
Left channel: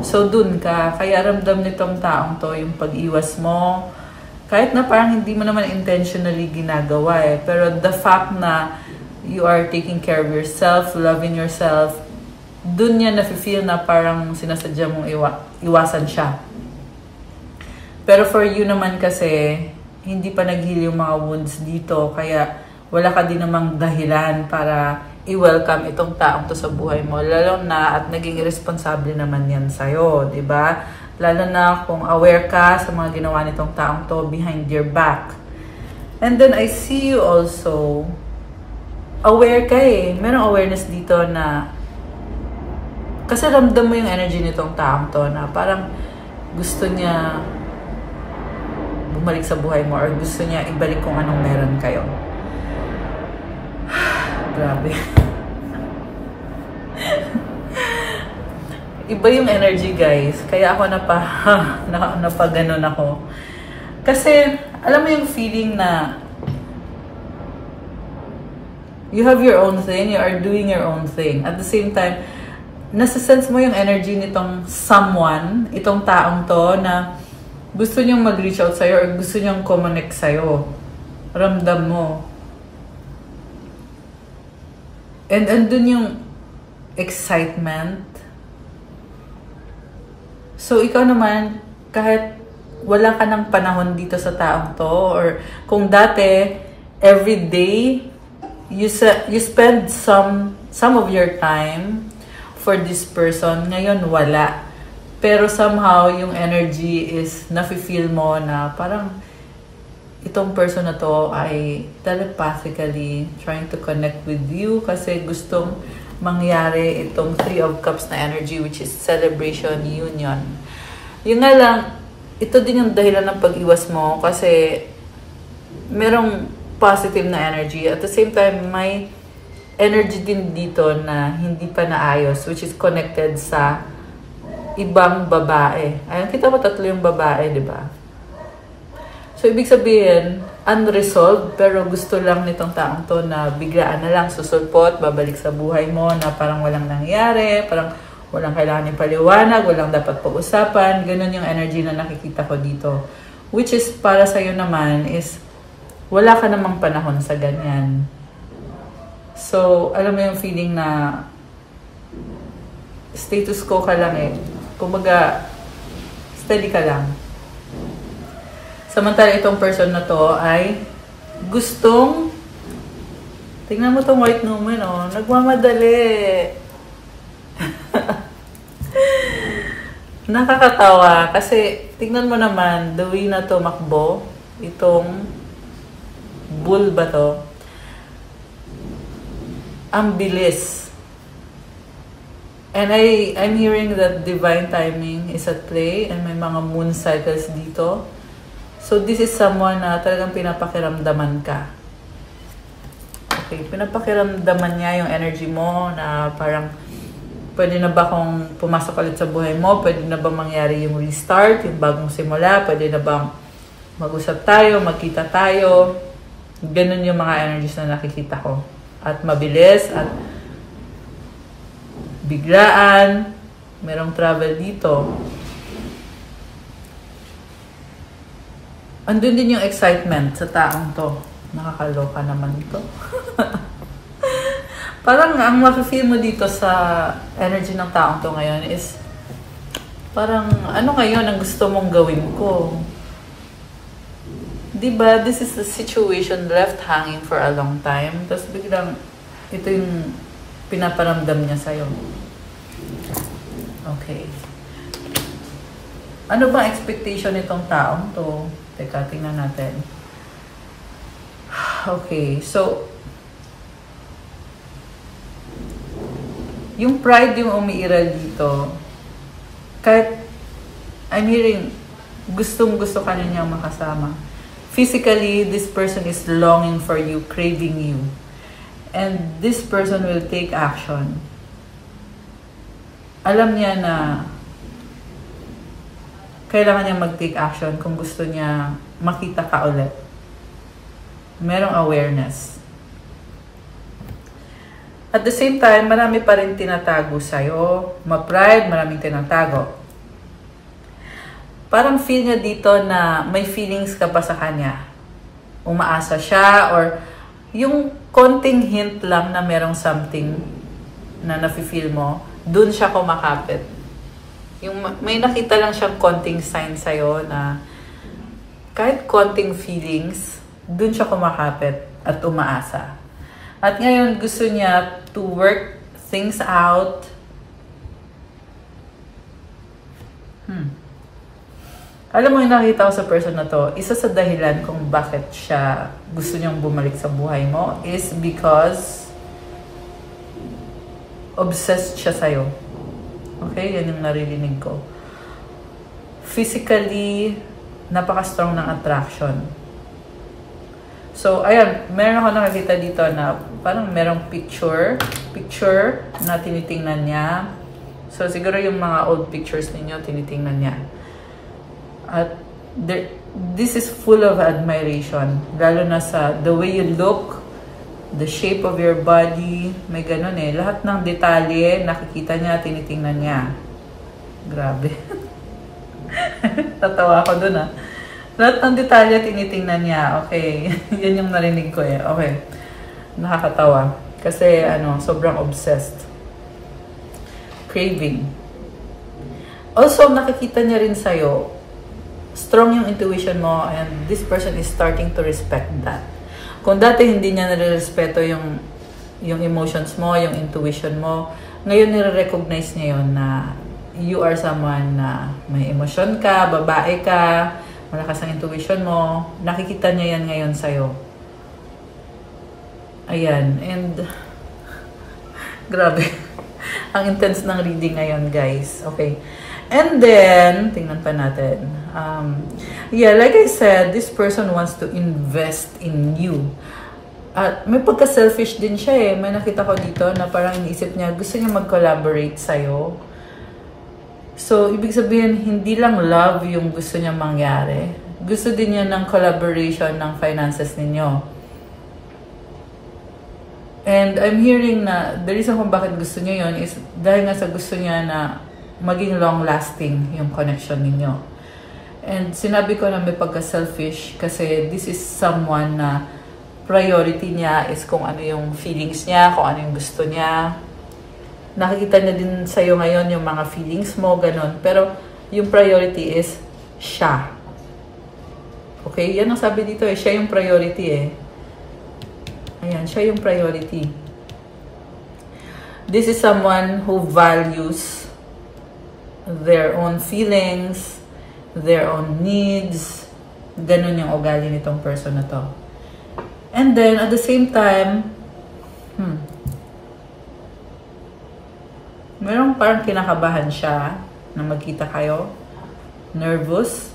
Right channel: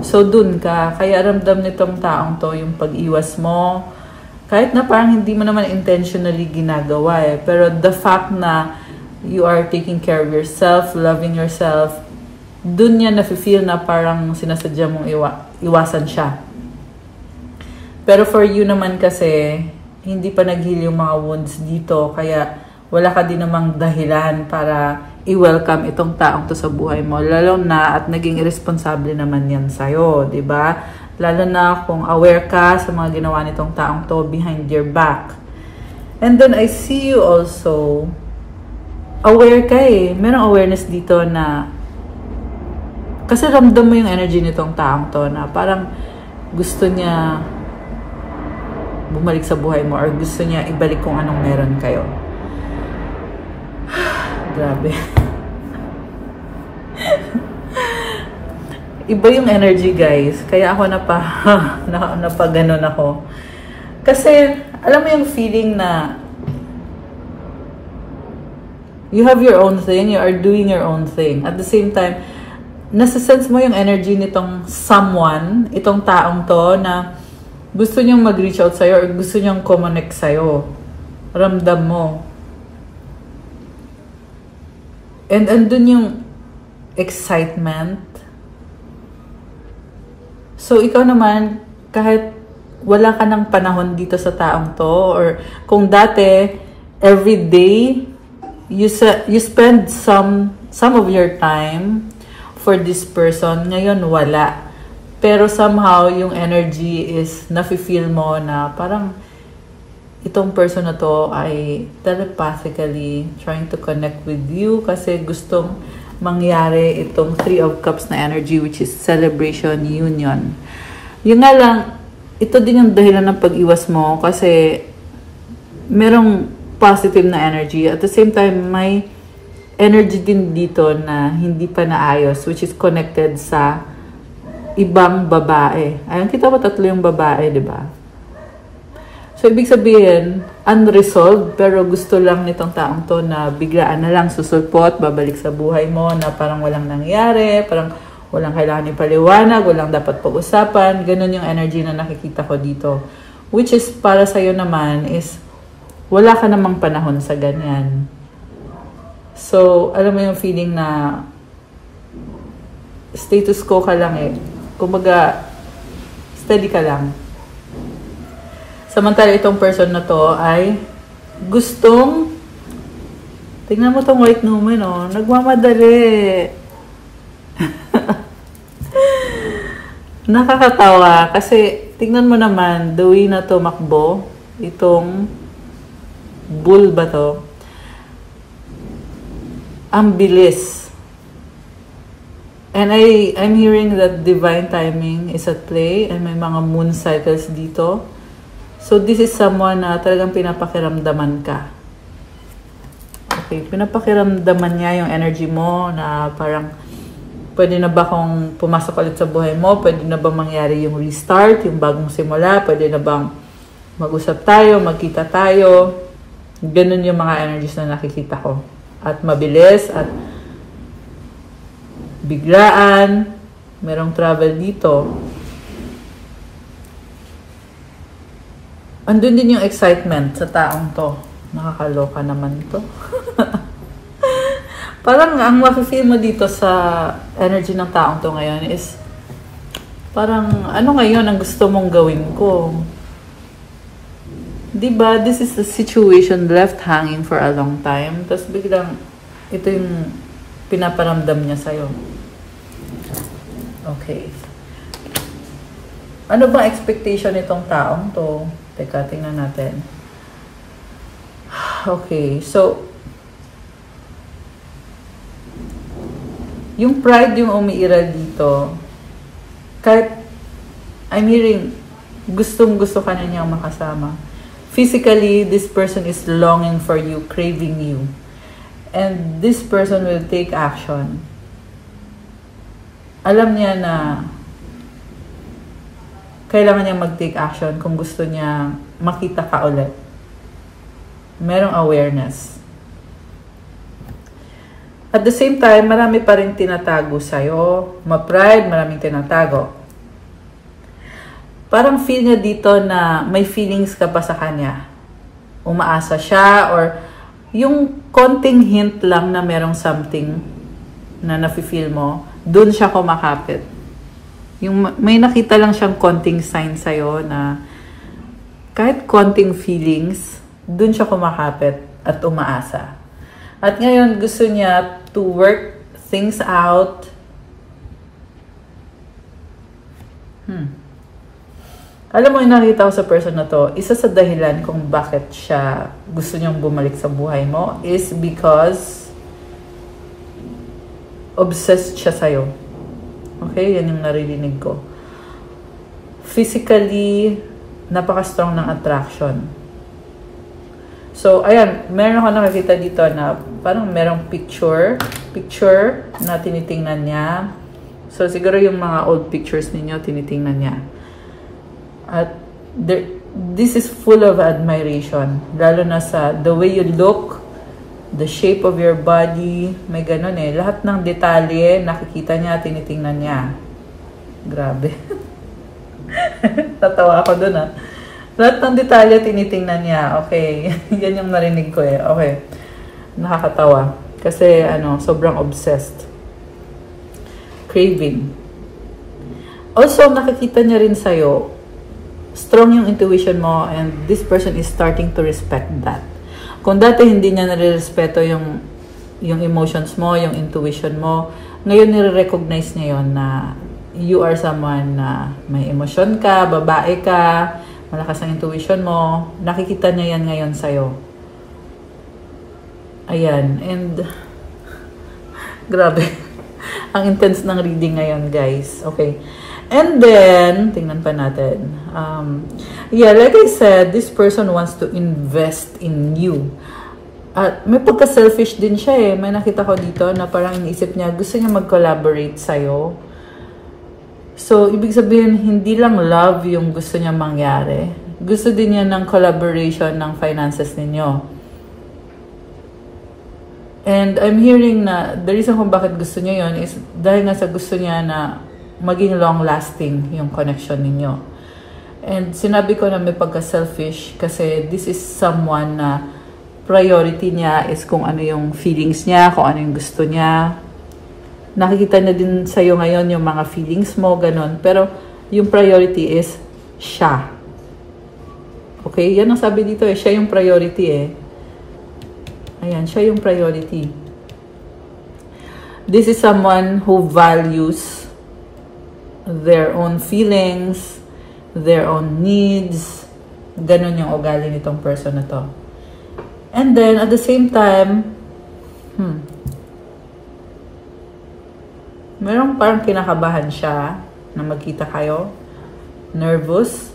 So, dun ka. Kaya ramdam nitong taong to yung pag-iwas mo. Kahit na parang hindi mo naman intentionally ginagawa eh. Pero the fact na you are taking care of yourself, loving yourself, dun niya nafe-feel na parang sinasadya mong iwasan siya. Pero for you naman kasi, hindi pa nag-heal yung mga wounds dito. Kaya wala ka din namang dahilan para i-welcome itong taong to sa buhay mo. Lalo na at naging irresponsible naman yan sa'yo, di ba? Lalo na kung aware ka sa mga ginawa nitong taong to behind your back. And then I see you also, aware ka eh. Merong awareness dito na, kasi ramdam mo yung energy nitong taong to na parang gusto niya bumalik sa buhay mo or gusto niya ibalik kung anong meron kayo. Grabe. Iba yung energy, guys. Kaya ako napaganon ako. Kasi, alam mo yung feeling na you have your own thing, you are doing your own thing. At the same time, nasa-sense mo yung energy nitong someone, itong taong to na gusto niyang mag-reach out sa'yo or gusto niyang connect sa'yo. Ramdam mo. And andun yung excitement. So, ikaw naman, kahit wala ka ng panahon dito sa taong to, or kung dati, every day, you spend some of your time for this person, ngayon wala. Pero somehow, yung energy is nafe-feel mo na parang itong person na to ay telepathically trying to connect with you kasi gustong mangyari itong Three of Cups na energy, which is celebration, union. Yung nga lang, ito din yung dahilan ng pag-iwas mo kasi merong positive na energy. At the same time, may energy din dito na hindi pa naayos, which is connected sa ibang babae. Ayun, kita mo tatlo yung babae, di ba? So, ibig sabihin, unresolved, pero gusto lang nitong taong to na biglaan na lang susulpot, babalik sa buhay mo na parang walang nangyari, parang walang kailangan yung paliwanag, walang dapat pag-usapan. Ganun yung energy na nakikita ko dito. Which is, para sa'yo naman, is wala ka namang panahon sa ganyan. So, alam mo yung feeling na status quo ka lang eh. Kumbaga, steady ka lang. Samantala itong person na to ay gustong, tingnan mo tong white woman, oh, nagmamadali. Nakakatawa kasi tingnan mo naman, the way na tumakbo, itong bull ba to? Ang bilis. And I'm hearing that divine timing is at play and may mga moon cycles dito. So this is someone na talagang pinapakiramdaman ka. Okay, pinapakiramdaman niya yung energy mo na parang pwede na ba kung pumasok ulit sa buhay mo? Pwede na ba mangyari yung restart, yung bagong simula? Pwede na bang mag-usap tayo, magkita tayo? Ganun yung mga energies na nakikita ko. At mabilis at biglaan. Merong travel dito. Andun din yung excitement sa taong to. Nakakaloka naman to. Parang ang mafe-feel mo dito sa energy ng taong to ngayon is parang ano ngayon ang gusto mong gawin ko? Diba? This is a situation left hanging for a long time. Tapos biglang ito yung pinaparamdam niya sa'yo. Okay. Ano ba expectation nitong taong to? Teka, tingnan natin. Okay, so yung pride yung umiiral dito, kahit I'm hearing gustong-gusto ka na niyang makasama. Physically, this person is longing for you, craving you. And this person will take action. Alam niya na kailangan niya mag-take action kung gusto niya makita ka ulit. Merong awareness. At the same time, marami pa rin tinatago sa'yo. Ma-pride, maraming tinatago. Parang feel niya dito na may feelings ka pa sa kanya. Umaasa siya or yung konting hint lang na merong something na nafe-feel mo, dun siya kumakapit. Yung may nakita lang siyang konting sign sa'yo na kahit konting feelings, dun siya kumakapit at umaasa. At ngayon, gusto niya to work things out. Alam mo, yung nakita ko sa person na to, isa sa dahilan kung bakit siya gusto niyang bumalik sa buhay mo is because obsessed siya sa'yo. Okay? Yan yung naririnig ko. Physically, napaka-strong ng attraction. So, ayan, meron ako nakakita dito na parang merong picture na tinitingnan niya. So, siguro yung mga old pictures ninyo, tinitingnan niya. At this is full of admiration. Lalo na sa the way you look, the shape of your body, may ganun eh. Lahat ng detalye, nakikita niya, tinitingnan niya. Grabe. Tatawa ako dun ah. Lahat ng detalye, tinitingnan niya. Okay. Yan yung narinig ko eh. Okay. Nakakatawa. Kasi, sobrang obsessed. Craving. Also, nakikita niya rin sa'yo, strong yung intuition mo and this person is starting to respect that. Kung dati hindi niya nare-respeto yung emotions mo, yung intuition mo, ngayon nire-recognize niya yun na you are someone na may emosyon ka, babae ka, malakas ang intuition mo, nakikita niya yan ngayon sa'yo. Ayan, and grabe. Ang intense ng reading ngayon, guys. Okay. And then, tingnan pa natin. Yeah, like I said, this person wants to invest in you. At may pagka-selfish din siya eh. May nakita ko dito na parang isip niya, gusto niya mag-collaborate sa'yo. So, ibig sabihin, hindi lang love yung gusto niya mangyari. Gusto din niya ng collaboration ng finances ninyo. And I'm hearing na the reason kung bakit gusto niya yon is dahil nga sa gusto niya na maging long-lasting yung connection ninyo. And sinabi ko na may pagka-selfish kasi this is someone na priority niya is kung ano yung feelings niya, kung ano yung gusto niya. Nakikita niya din sa'yo ngayon yung mga feelings mo, ganun. Pero yung priority is siya. Okay? Yan ang sabi dito eh. Siya yung priority eh. Ayan, siya yung priority. This is someone who values their own feelings, their own needs. Ganun yung ugali nitong person na to. And then, at the same time, Merong parang kinakabahan siya na magkita kayo. Nervous.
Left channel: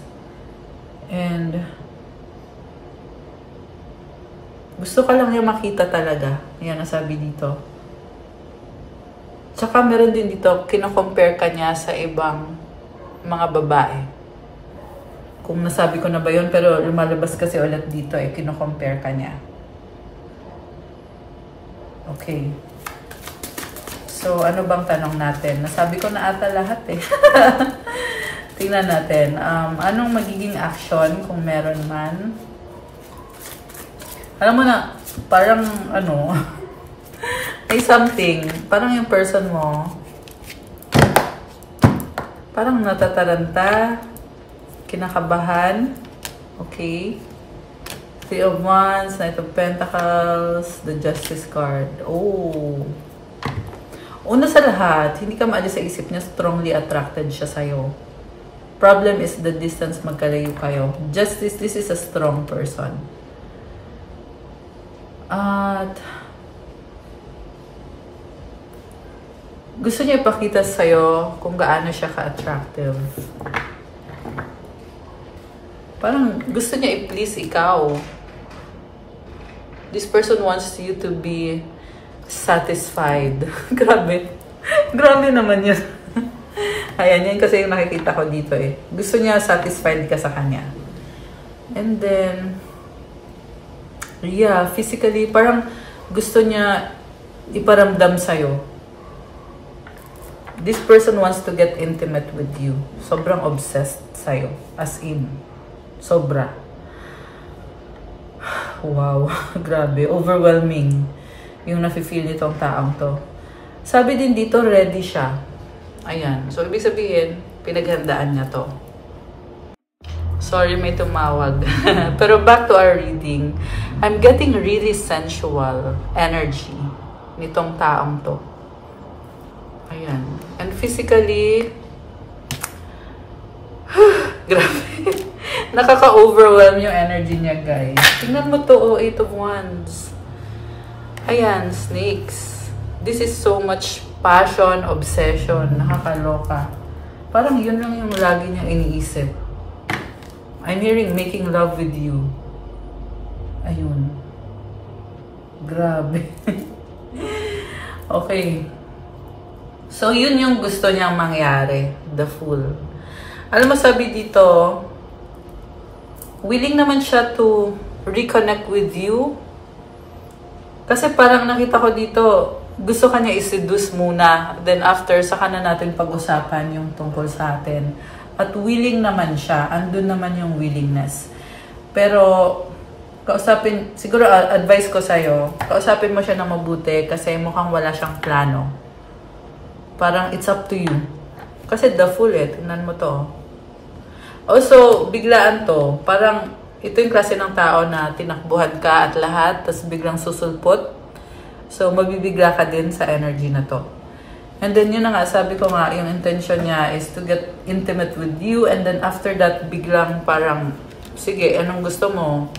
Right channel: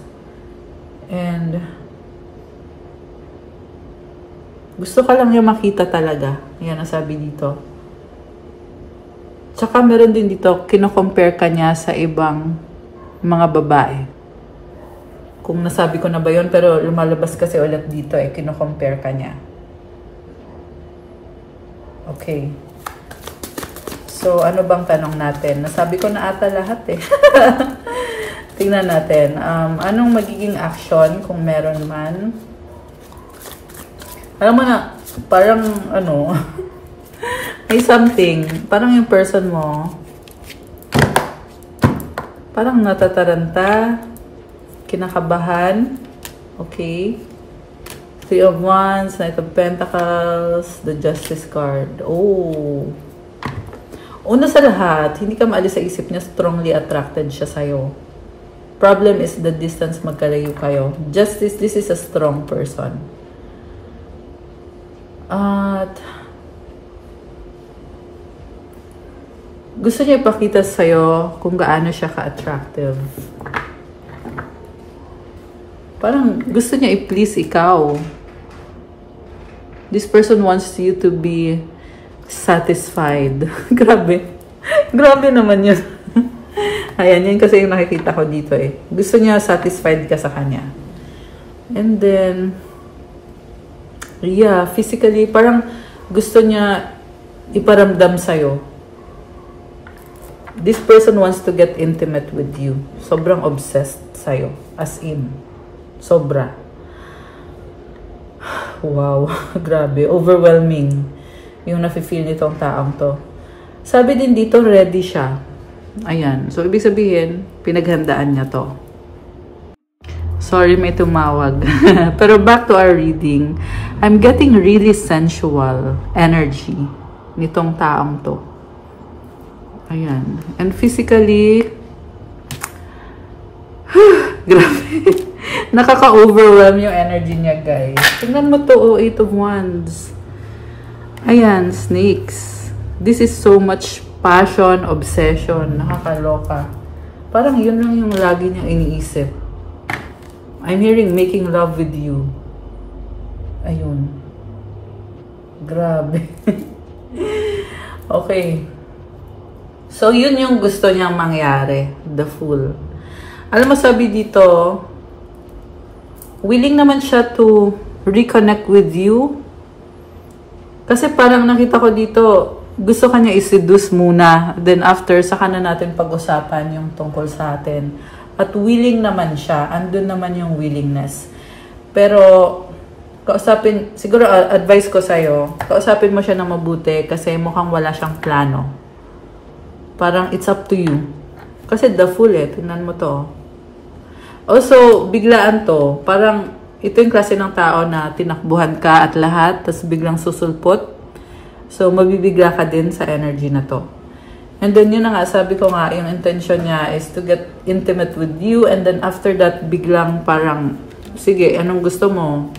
And gusto ka lang niya makita talaga. Yan ang sabi dito. Tsaka meron din dito, kino-compare ka niya sa ibang mga babae. Kung nasabi ko na ba yun, pero lumalabas kasi ulit dito eh, kino-compare ka niya. Okay. So, ano bang tanong natin? Nasabi ko na ata lahat eh. Tingnan natin. Anong magiging action kung meron man? Alam mo na, parang ano, may something, parang yung person mo, parang natataranta, kinakabahan, okay? Three of Wands, Knight of Pentacles, the Justice card. Oh! Una sa lahat, hindi ka maalis sa isip niya, strongly attracted siya sa'yo. Problem is the distance, magkalayo kayo. Justice, this is a strong person. At gusto niya ipakita sa'yo kung gaano siya ka-attractive. Parang gusto niya i-please ikaw. This person wants you to be satisfied. Grabe. Grabe naman yun. Ayan, yun kasi yung nakikita ko dito eh. Gusto niya satisfied ka sa kanya. And then, yeah, physically, parang gusto niya iparamdam sa'yo. This person wants to get intimate with you. Sobrang obsessed sa'yo. As in, sobra. Wow, grabe. Overwhelming yung nafe-feel nitong taong to. Sabi din dito, ready siya. Ayan. So, ibig sabihin, pinaghandaan niya to. Sorry, may tumawag. Pero back to our reading. I'm getting really sensual energy nitong taong to. Ayan. And physically, grabe. Nakaka-overwhelm yung energy niya, guys. Tingnan mo to, oh, Eight of Wands. Ayan, snakes. This is so much passion, obsession, nakakaloka. Parang yun lang yung lagi niya iniisip. I'm hearing making love with you. Ayun. Grabe. Okay. So, yun yung gusto niyang mangyari. The Fool. Alam mo, sabi dito, willing naman siya to reconnect with you. Kasi parang nakita ko dito, gusto kanya i-seduce muna. Then after, saka na natin pag-usapan yung tungkol sa atin. At willing naman siya. Andun naman yung willingness. Pero, kausapin, siguro advice ko sa'yo, kausapin mo siya ng mabuti kasi mukhang wala siyang plano. Parang it's up to you. Kasi the Fool eh. Tingnan mo to. Also, biglaan to. Parang ito yung klase ng tao na tinakbuhan ka at lahat, tapos biglang susulpot. So, mabibigla ka din sa energy na to. And then, yun na nga, sabi ko nga, yung intention niya is to get intimate with you. And then, after that, biglang parang, sige, anong gusto mo?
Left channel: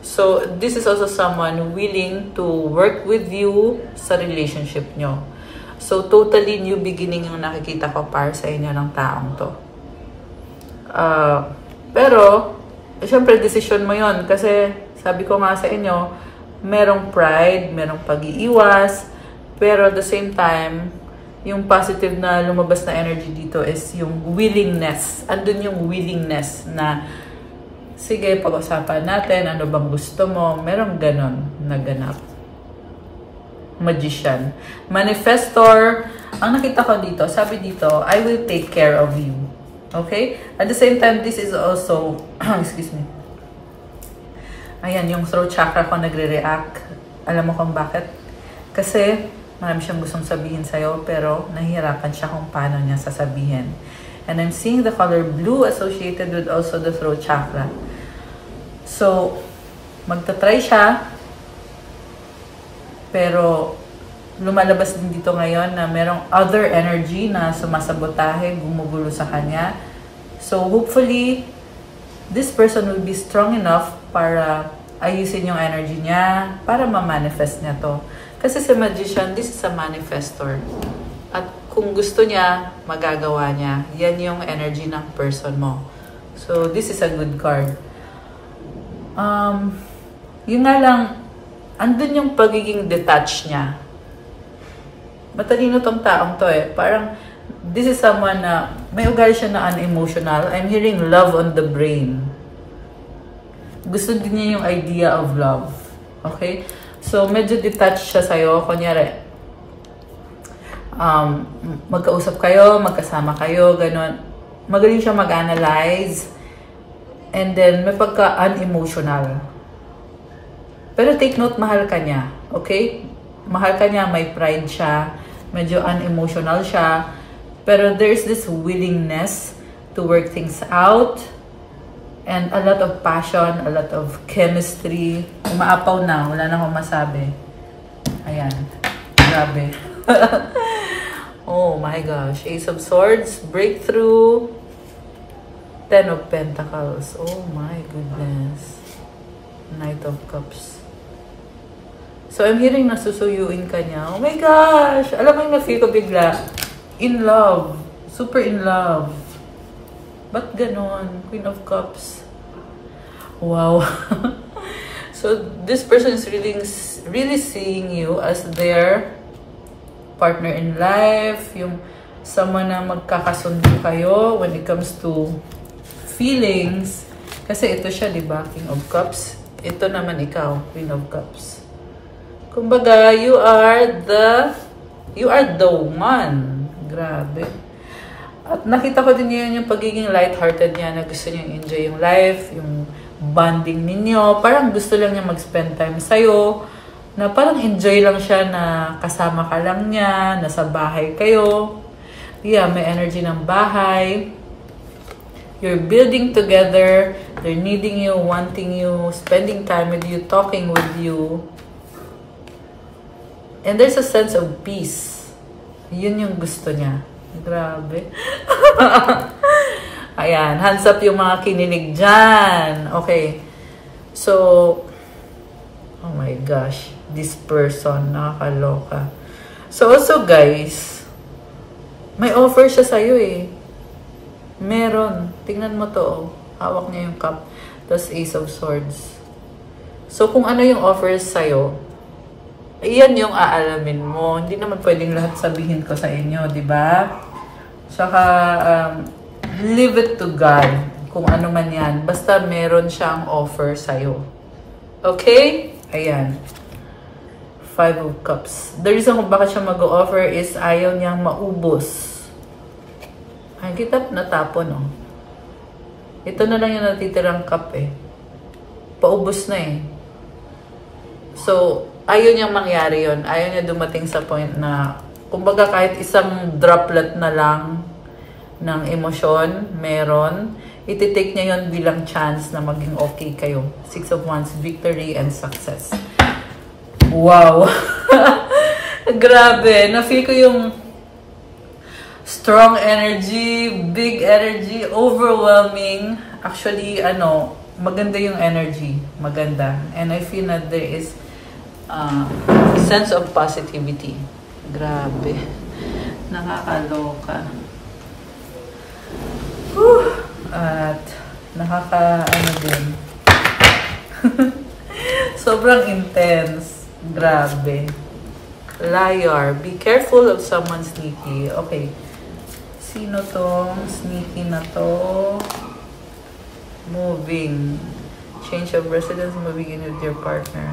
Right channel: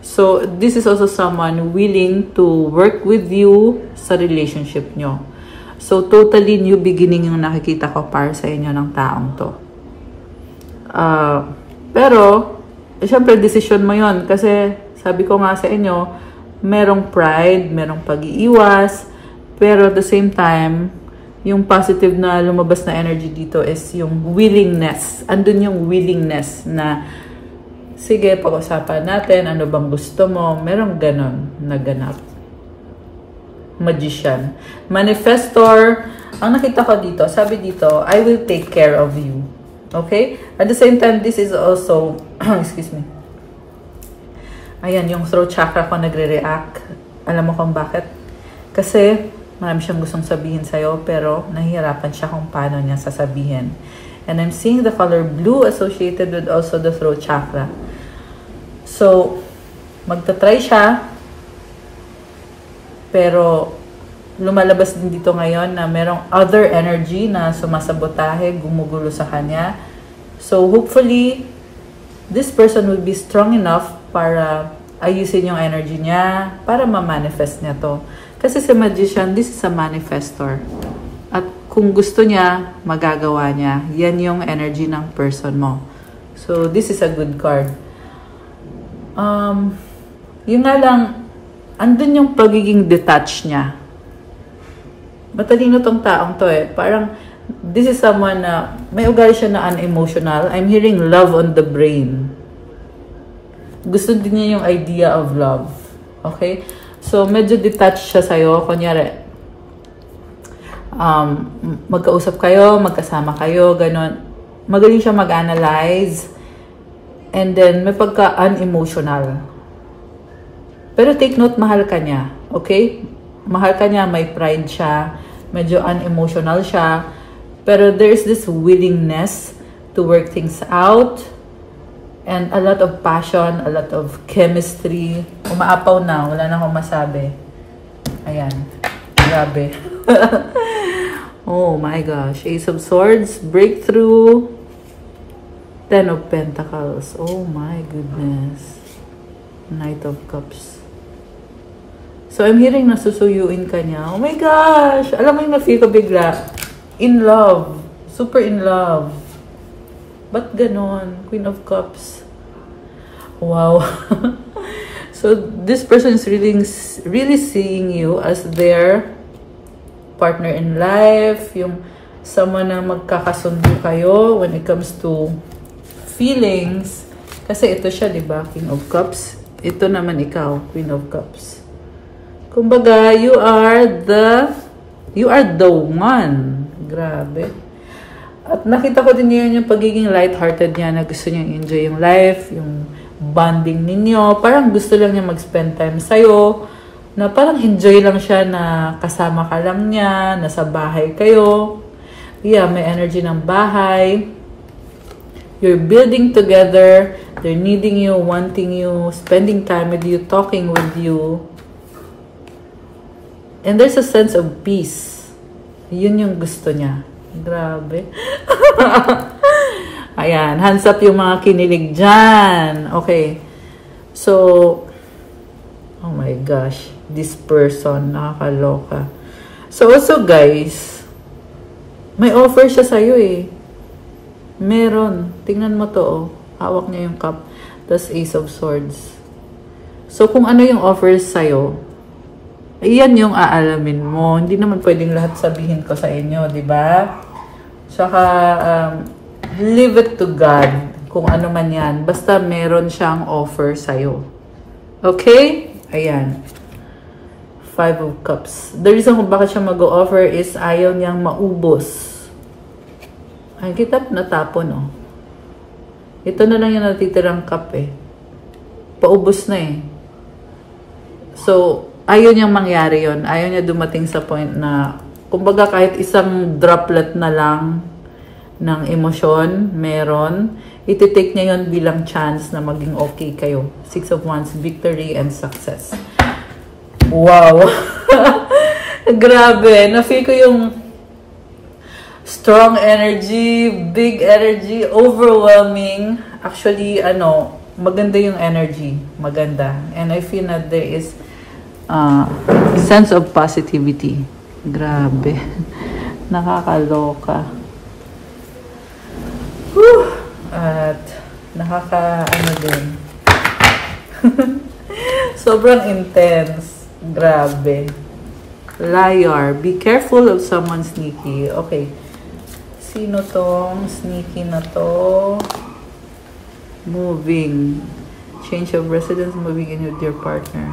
So, this is also someone willing to work with you sa relationship nyo. So, totally new beginning yung nakikita ko para sa inyo ng taong to. Pero, syempre, decision mo yun. Kasi, sabi ko nga sa inyo, merong pride, merong pag-iiwas, pero at the same time, yung positive na lumabas na energy dito is yung willingness. Andun yung willingness na, sige, pag-usapan natin, ano bang gusto mo, merong ganon na ganap. Magician. Manifestor, ang nakita ko dito, sabi dito, I will take care of you. Okay? At the same time, this is also, excuse me, ayan, yung throat chakra ko nagre-react. Alam mo kung bakit? Kasi, marami siyang gustong sabihin sa'yo, pero nahihirapan siya kung paano niya sasabihin. And I'm seeing the color blue associated with also the throat chakra. So, magta-try siya, pero lumalabas din dito ngayon na merong other energy na sumasabotahe, gumugulo sa kanya. So, hopefully, this person will be strong enough para ayusin yung energy niya, para ma-manifest niya to. Kasi sa Magician, this is a manifestor. At kung gusto niya, magagawa niya. Yan yung energy ng person mo. So, this is a good card. Yung nga lang, andun yung pagiging detached niya. Matalino tong taong to eh. Parang, this is someone na, may ugali siya na unemotional. I'm hearing love on the brain. Gusto din niya yung idea of love. Okay? So, medyo detached siya sa'yo. Kunyari, magkausap kayo, magkasama kayo, ganun. Magaling siya mag-analyze. And then, may pagka-unemotional. Pero take note, mahal ka niya. Okay? Mahal ka niya, may pride siya. Medyo unemotional siya. Pero there's this willingness to work things out. And a lot of passion, a lot of chemistry. Umaapaw na, wala na akong masabi. Ayan. Grabe. Oh my gosh. Ace of Swords, breakthrough. Ten of Pentacles. Oh my goodness. Knight of Cups. So, I'm hearing nasusuyuin ka niya. Oh my gosh! Alam mo yung na-feel ko bigla. In love. Super in love. Ba't ganon? Queen of Cups. Wow. So, this person is really seeing you as their partner in life. Yung someone na magkakasundo kayo when it comes to feelings. Kasi ito siya, di ba? King of Cups. Ito naman ikaw, Queen of Cups. Kumbaga, you are the one. Grabe. At nakita ko din yun yung pagiging lighthearted niya na gusto niya enjoy yung life, yung bonding ninyo. Parang gusto lang niya mag-spend time sa'yo. Na parang enjoy lang siya na kasama ka lang niya, nasa bahay kayo. Yeah, may energy ng bahay. You're building together. They're needing you, wanting you, spending time with you, talking with you. And there's a sense of peace. Yun yung gusto niya. Grabe. Ayan. Hands up yung mga kinilig dyan. Okay. So, oh my gosh. This person, nakakaloka. So, also guys, may offer siya sa'yo eh. Meron. Tingnan mo to, oh. Hawak niya yung cup. Tapos Ace of Swords. So, kung ano yung offers sa'yo, iyan yung aalamin mo. Hindi naman pwedeng lahat sabihin ko sa inyo, di ba? Tsaka, leave it to God. Kung ano man yan. Basta meron siyang offer sa'yo. Okay? Ayan. Five of Cups. The reason kung bakit siya mag-o-offer is ayaw niyang maubos. Ang kitap natapon, oh. Ito na lang yung natitirang cup, eh. Paubos na, eh. So, ayaw niyang mangyari yon. Ayaw niya dumating sa point na, kumbaga kahit isang droplet na lang ng emosyon, meron, iti-take niya yon bilang chance na maging okay kayo. Six of Wands, victory and success. Wow! Grabe! Na-feel ko yung strong energy, big energy, overwhelming. Actually, maganda yung energy. Maganda. And I feel that there is sense of positivity. Grabe. Nakakaloka. Whew. At din. Sobrang intense. Grabe. Liar. Be careful of someone sneaky. Okay. Sino tong sneaky na to? Moving. Change of residence, moving in with your partner.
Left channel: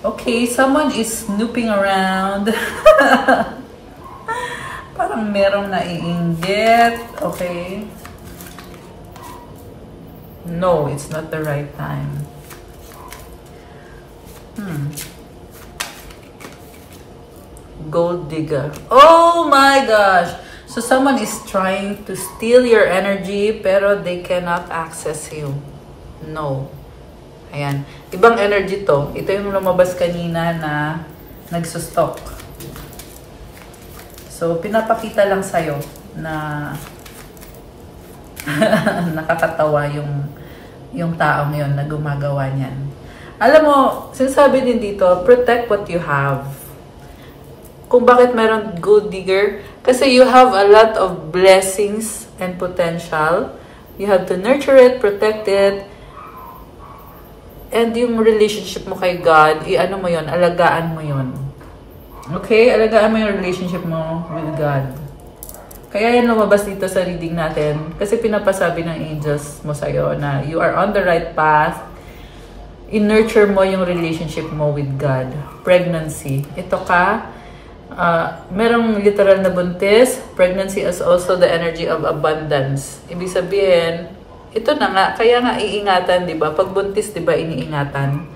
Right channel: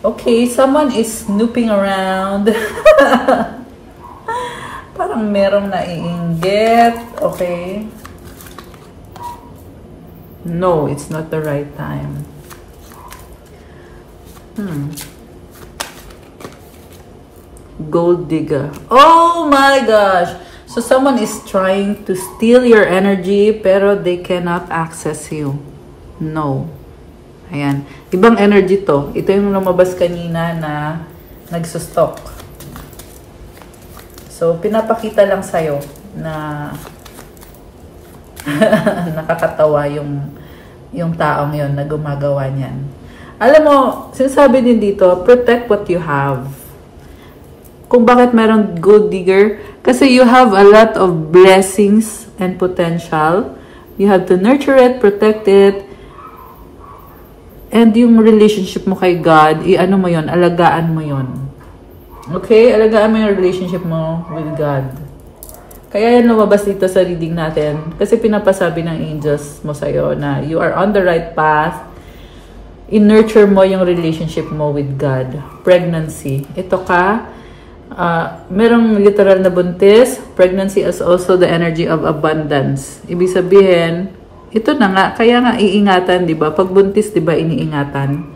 Okay, someone is snooping around. Parang merong naiinggit. Okay. No, it's not the right time. Gold digger. Oh my gosh! So someone is trying to steal your energy pero they cannot access you. No. Ayan. Ibang energy to. Ito yung lumabas kanina na nagsustok. So, pinapakita lang sa'yo na nakakatawa yung taong yun na gumagawa niyan. Alam mo, sinasabi din dito, protect what you have. Kung bakit mayroong gold digger, Kasi you have a lot of blessings and potential. You have to nurture it, protect it, and yung relationship mo kay God, ano mo yun, alagaan mo yun. Okay? Alagaan mo yung relationship mo with God. Kaya yan lumabas dito sa reading natin. Kasi pinapasabi ng angels mo sa'yo na you are on the right path. I-nurture mo yung relationship mo with God. Pregnancy. Ito ka, merong literal na buntis. Pregnancy is also the energy of abundance. Ibig sabihin, ito na nga, kaya nga iingatan, di ba? Pag buntis, di ba, iniingatan?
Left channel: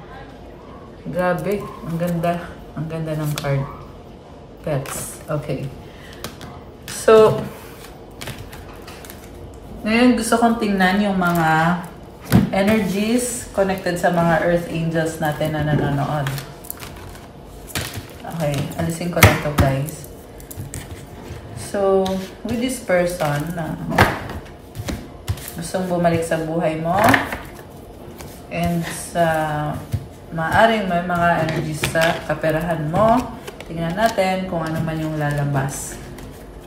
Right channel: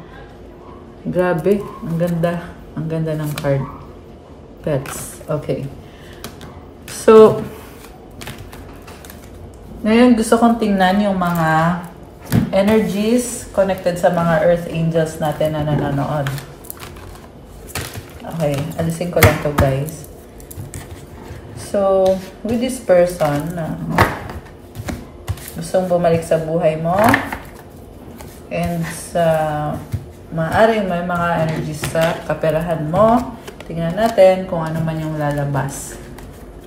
Grabe, ang ganda. Ang ganda ng card. Pets. Okay. So, ngayon gusto kong tingnan yung mga energies connected sa mga earth angels natin na nanonood. Okay, alisin ko lang to, guys. So, with this person na gustong bumalik sa buhay mo, and sa maaaring may mga energies sa kaperahan mo, tingnan natin kung ano man yung lalabas.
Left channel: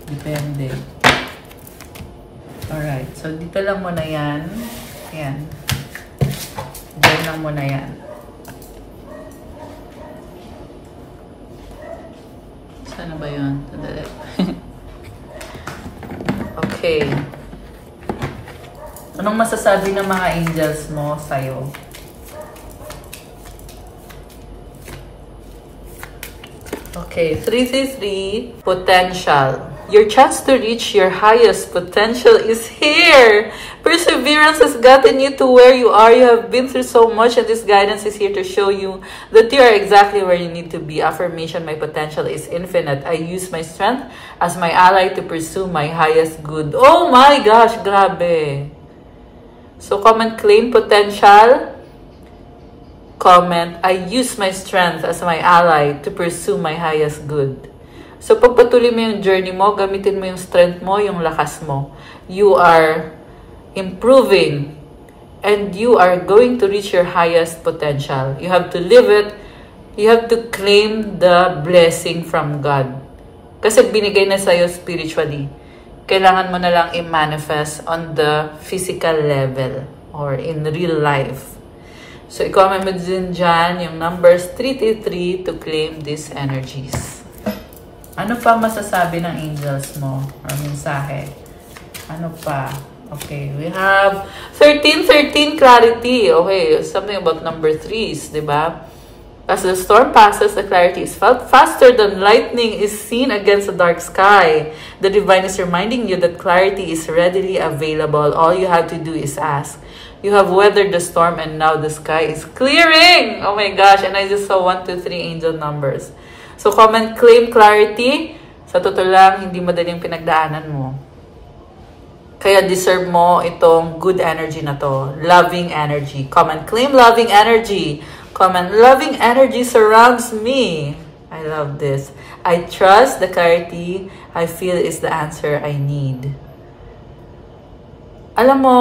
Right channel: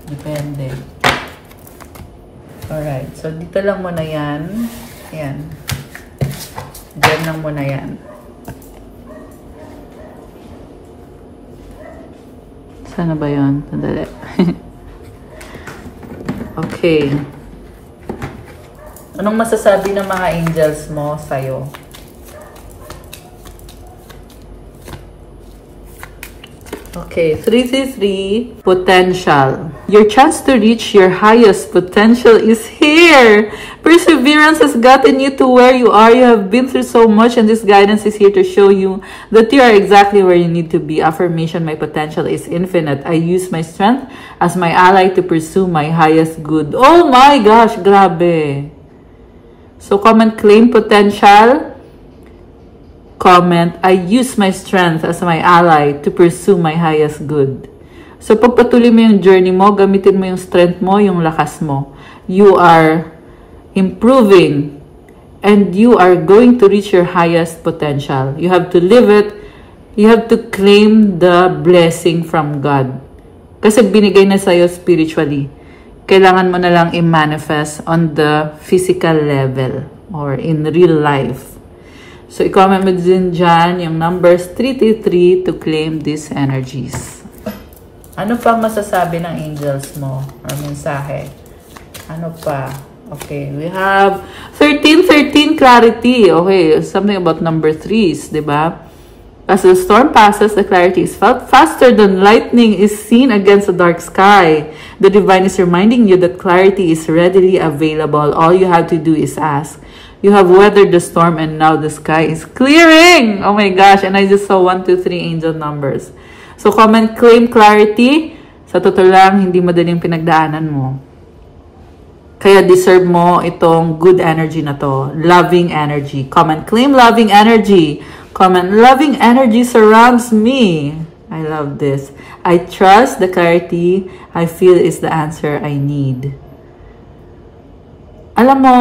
Depende. Alright, so dito lang muna yan. Ayan. Diyan lang muna yan. Sana ba yun? Sandali. Okay. Anong masasabi ng mga angels mo sa'yo? Okay, 333, potential. Your chance to reach your highest potential is here. Perseverance has gotten you to where you are. You have been through so much, and this guidance is here to show you that you are exactly where you need to be. Affirmation, my potential is infinite. I use my strength as my ally to pursue my highest good. Oh my gosh, grabe. So comment, claim potential. Comment, I use my strength as my ally to pursue my highest good. So, pagpatuloy mo yung journey mo, gamitin mo yung strength mo, yung lakas mo. You are improving and you are going to reach your highest potential. You have to live it. You have to claim the blessing from God. Kasi binigay na sa'yo spiritually. Kailangan mo na lang i-manifest on the physical level or in real life. So, i-comment mo din dyan yung numbers 333 to claim these energies. Ano pa masasabi ng angels mo? Ang mensahe? Ano pa? Okay, we have 1313 clarity. Okay, something about number 3s, diba? As the storm passes, the clarity is felt faster than lightning is seen against the dark sky. The divine is reminding you that clarity is readily available. All you have to do is ask. You have weathered the storm and now the sky is clearing. Oh my gosh, and I just saw 1, 2, 3 angel numbers. So, comment, claim clarity. Sa totoo lang, hindi madaling pinagdaanan mo. Kaya deserve mo itong good energy na to. Loving energy. Comment, claim loving energy. Comment, loving energy surrounds me. I love this. I trust the clarity I feel is the answer I need. Alam mo,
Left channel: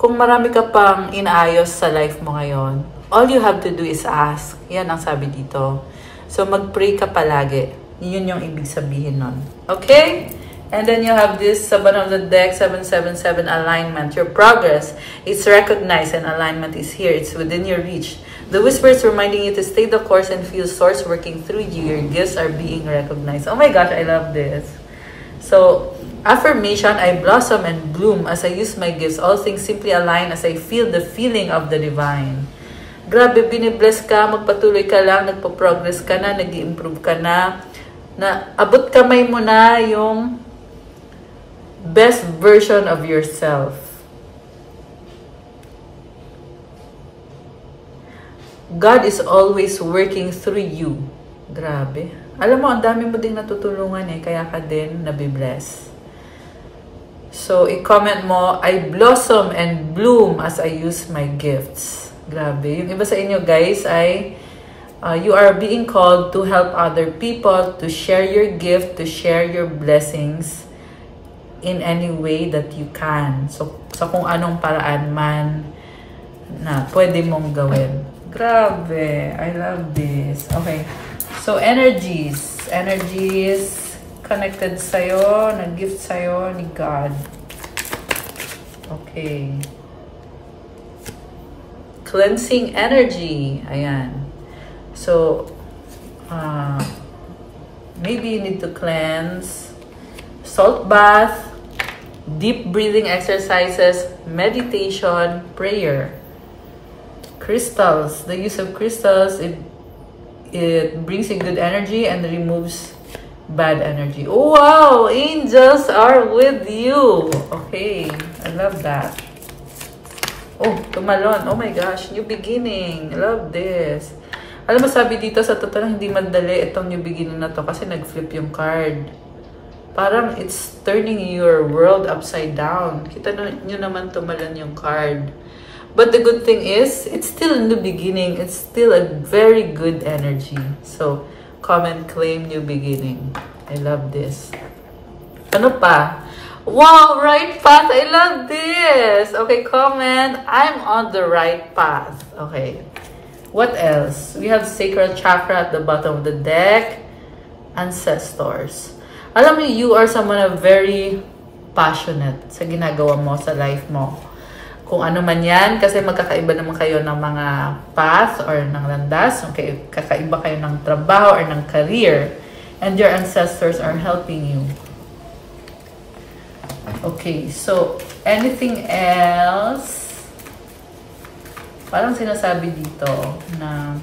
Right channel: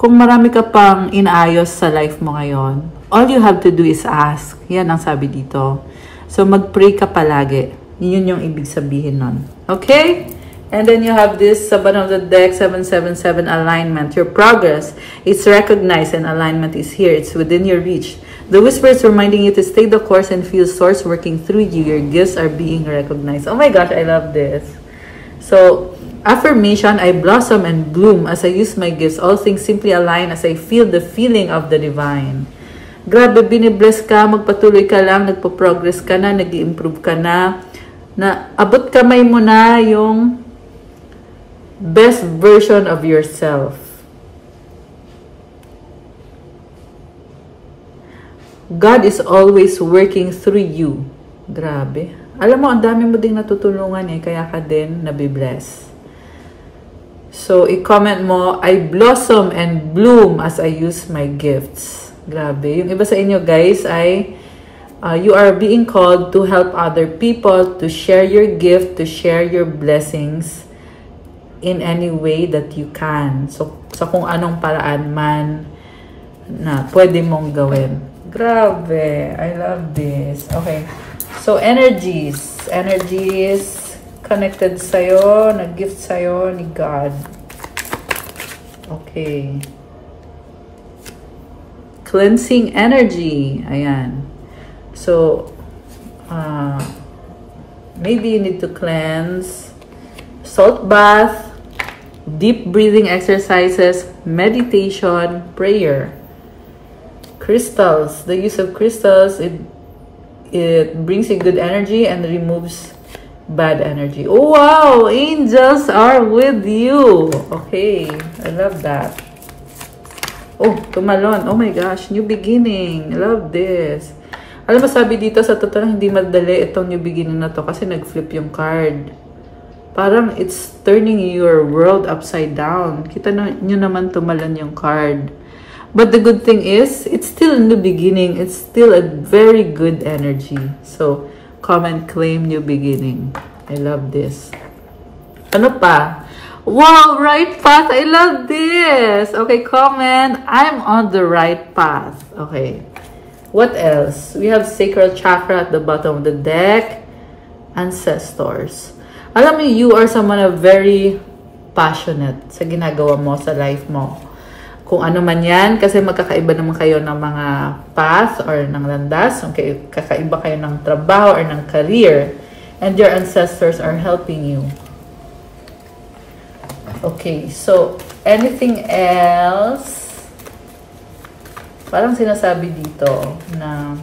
kung marami ka pang inaayos sa life mo ngayon, all you have to do is ask. Yan ang sabi dito. So, mag-pray ka palagi. Yun yung ibig sabihin nun. Okay? And then you have this sa bottom of the deck, 777 alignment. Your progress is recognized and alignment is here. It's within your reach. The whisper is reminding you to stay the course and feel source working through you. Your gifts are being recognized. Oh my gosh, I love this. So, affirmation, I blossom and bloom as I use my gifts. All things simply align as I feel the feeling of the divine. Grabe, binibless ka, magpatuloy ka lang, nagpo-progress ka na, nag-i-improve ka na abot kamay mo na yung best version of yourself. God is always working through you. Grabe. Alam mo, ang dami mo din natutulungan kaya ka din nabibless. So, i-comment mo, I blossom and bloom as I use my gifts. Grabe. Yung iba sa inyo, guys, ay you are being called to help other people, to share your gift, to share your blessings in any way that you can. So kung anong paraan man na pwede mong gawin. Grabe. I love this. Okay. So, energies. Energies connected sa'yo, nag-gift sa'yo ni God. Okay. Cleansing energy. Ayan. So, maybe you need to cleanse. Salt bath, deep breathing exercises, meditation, prayer. Crystals. The use of crystals, it brings you good energy and removes bad energy. Oh wow! Angels are with you. Okay. I love that. Oh, tumalon. Oh my gosh. New beginning. I love this. Alam mo, sabi dito, sa totoo hindi madali itong new beginning na to kasi nag-flip yung card. Parang it's turning your world upside down. Kita nyo naman tumalon yung card. But the good thing is, it's still a new beginning. It's still a very good energy. So, comment, claim new beginning. I love this. Ano pa? Wow, right path. I love this. Okay, comment. I'm on the right path. Okay. What else? We have sacral chakra at the bottom of the deck. Ancestors. Alam mo, you are someone very passionate sa ginagawa mo, sa life mo. Kung ano man yan, kasi magkakaiba naman kayo ng mga path or ng landas. Okay, kakaiba kayo ng trabaho or ng career. And your ancestors are helping you. Okay, so anything else? Parang sinasabi dito na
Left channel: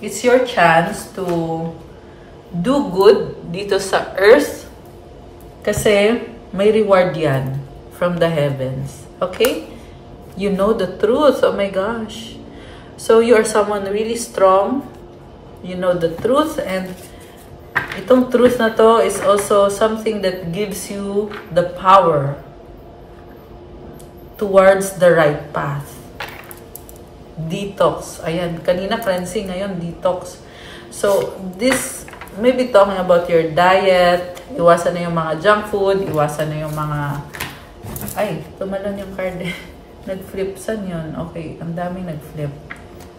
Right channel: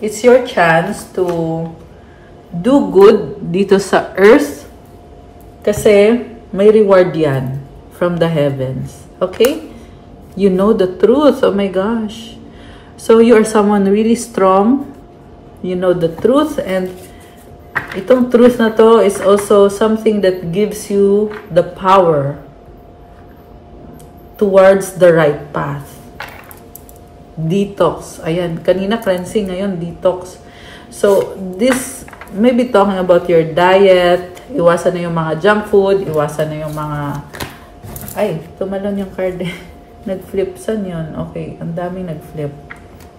it's your chance to do good dito sa earth kasi may reward yan from the heavens. Okay? You know the truth. Oh my gosh. So you are someone really strong. You know the truth, and itong truth na to is also something that gives you the power towards the right path. Detox. Ayan, kanina cleansing, ngayon detox. So this may be talking about your diet. Iwasan na yung mga junk food, iwasan na yung mga ay, tumalon yung card. Nag-flip. Saan yun? Okay, ang daming nag-flip.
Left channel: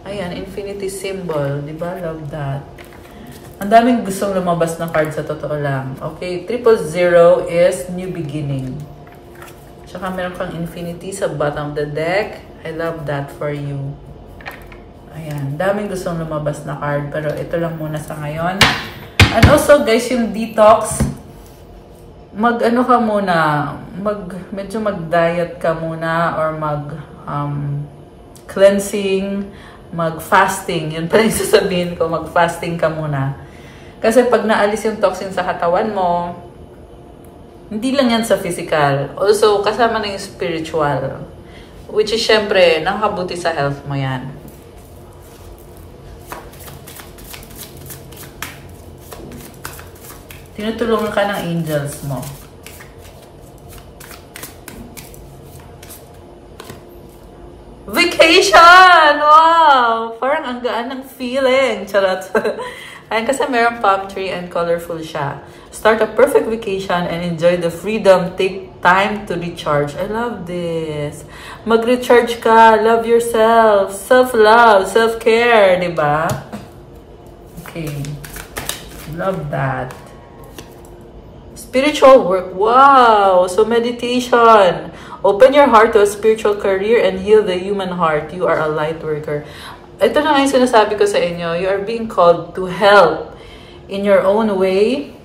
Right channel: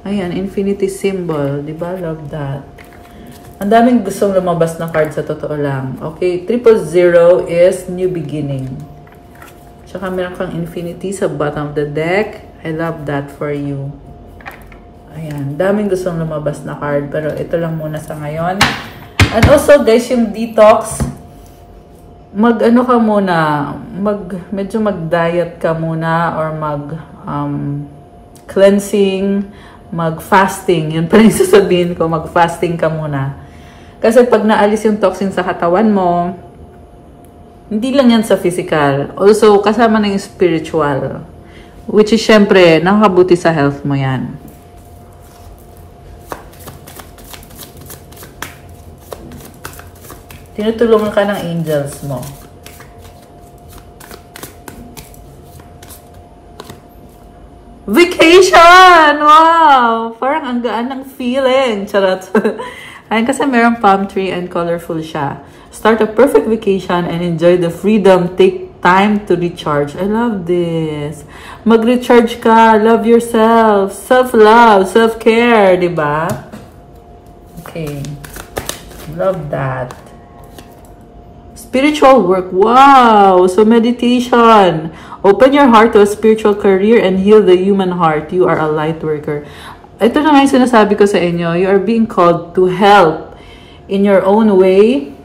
Ayan, infinity symbol. Diba? Love that. Ang daming gustong lumabas na card sa totoo lang. Okay, 000 is new beginning. Tsaka meron kang infinity sa bottom of the deck. I love that for you. Ayan, daming gustong lumabas na card. Pero ito lang muna sa ngayon. And also, guys, yung detox, mag-ano ka muna, medyo mag-diet ka muna or cleansing, mag-fasting. Yun pa rin sasabihin ko, mag-fasting ka muna. Kasi pag naalis yung toxin sa katawan mo, hindi lang yan sa physical. Also, kasama na yung spiritual. Which is, syempre, nakakabuti sa health mo yan. Tinutulungan ka ng angels mo. Vacation! Wow! Parang ang gaan ng feeling. Charot. Ayun, kasi mayroong palm tree and colorful siya. Start a perfect vacation and enjoy the freedom. Take time to recharge. I love this. Mag-recharge ka. Love yourself. Self-love. Self-care. Diba? Okay. Love that. Spiritual work. Wow! So meditation. Open your heart to a spiritual career and heal the human heart. You are a light worker. Ito na nga yung sinasabi ko sa inyo. You are being called to help in your own way.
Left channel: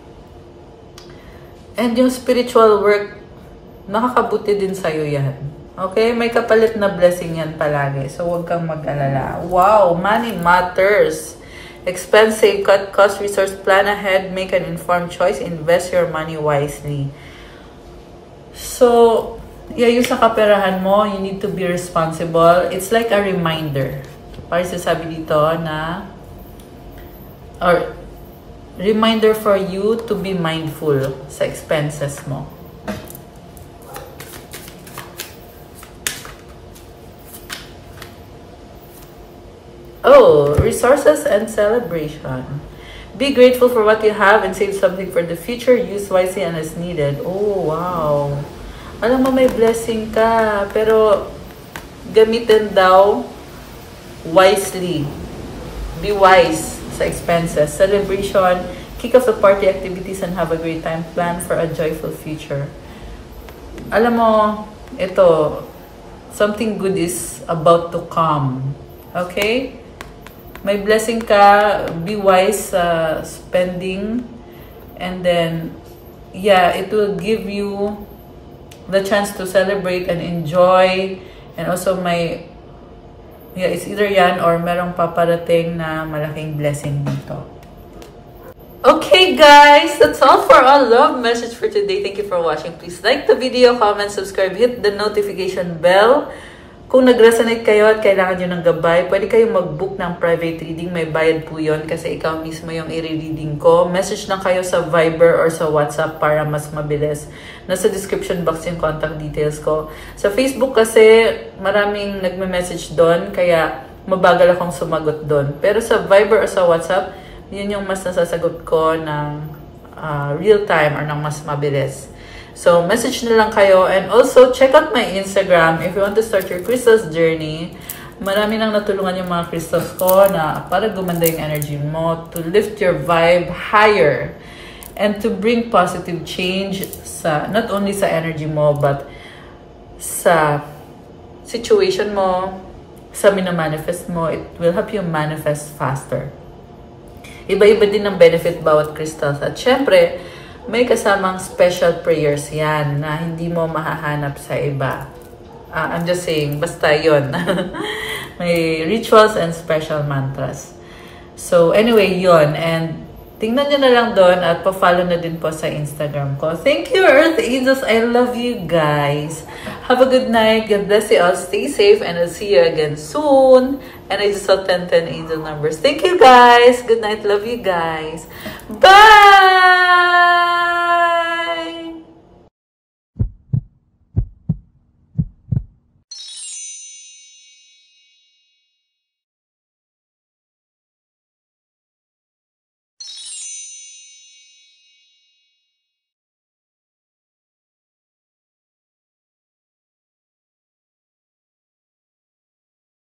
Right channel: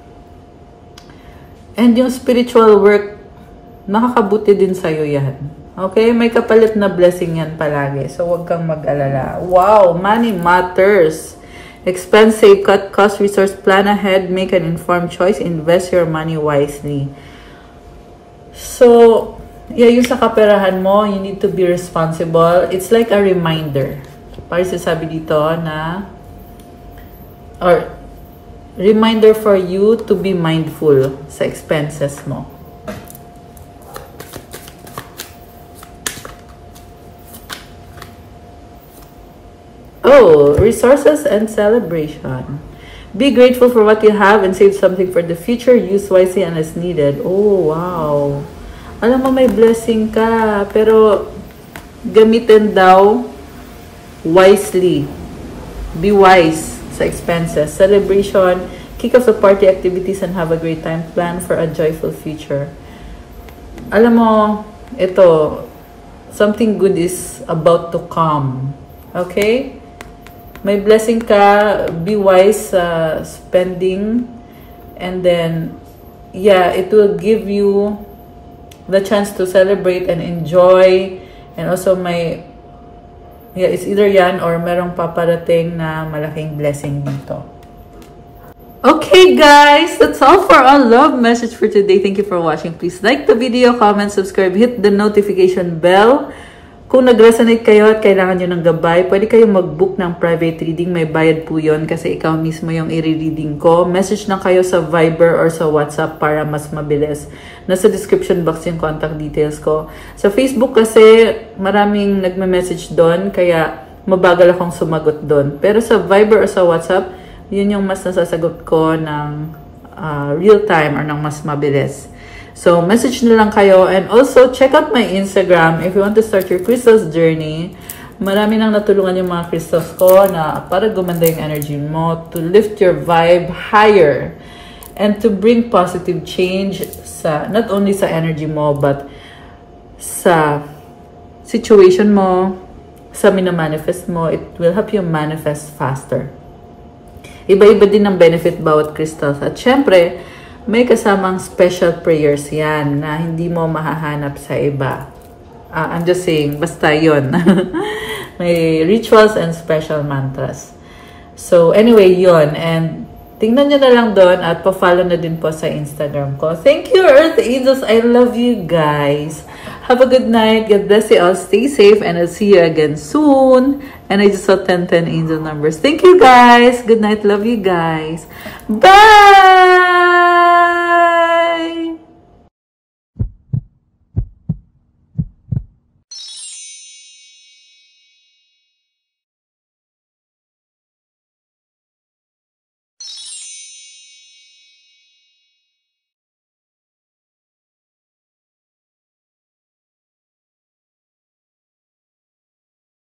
And yung spiritual work, nakakabuti din sa'yo yan. Okay? May kapalit na blessing yan palagi. So, huwag kang mag-alala. Wow! Money matters. Expense, save, cut, cost, resource, plan ahead, make an informed choice, invest your money wisely. So, yeah, yung sa kaperahan mo, you need to be responsible. It's like a reminder. Para sasabi dito na, or reminder for you to be mindful sa expenses mo. Oh, resources and celebration. Be grateful for what you have and save something for the future. Use wisely and as needed. Oh, wow. Alam mo, may blessing ka. Pero, gamitin daw wisely. Be wise sa expenses. Celebration. Kick off the party activities and have a great time. Plan for a joyful future. Alam mo, ito, something good is about to come. Okay? May blessing ka, be wise spending, and then, yeah, it will give you the chance to celebrate and enjoy, and also it's either yan or merong paparating na malaking blessing dito. Okay guys, that's all for our love message for today. Thank you for watching. Please like the video, comment, subscribe, hit the notification bell. Kung nag-resonate kayo at kailangan nyo ng gabay, pwede kayong mag-book ng private reading. May bayad po yun kasi ikaw mismo yung i-reading ko. Message na kayo sa Viber or sa WhatsApp para mas mabilis. Nasa description box yung contact details ko. Sa Facebook kasi maraming nagme-message doon, kaya mabagal akong sumagot doon. Pero sa Viber or sa WhatsApp, yun yung mas nasasagot ko ng real time or ng mas mabilis. So, message na lang kayo. And also, check out my Instagram if you want to start your crystals journey. Marami nang natulungan yung mga crystals ko na para gumanda yung energy mo, to lift your vibe higher, and to bring positive change sa not only sa energy mo, but sa situation mo, sa minamanifest mo. It will help you manifest faster. Iba-iba din ang benefit bawat crystals. At syempre, may kasamang special prayers yan na hindi mo mahahanap sa iba. I'm just saying, basta yun. May rituals and special mantras. So, anyway, yun. And tingnan nyo na lang doon at pa-follow na din po sa Instagram ko. Thank you, Earth Angels. I love you guys. Have a good night. God bless you all. Stay safe and I'll see you again soon. And I just saw 1010 angel numbers. Thank you guys. Good night. Love you guys. Bye!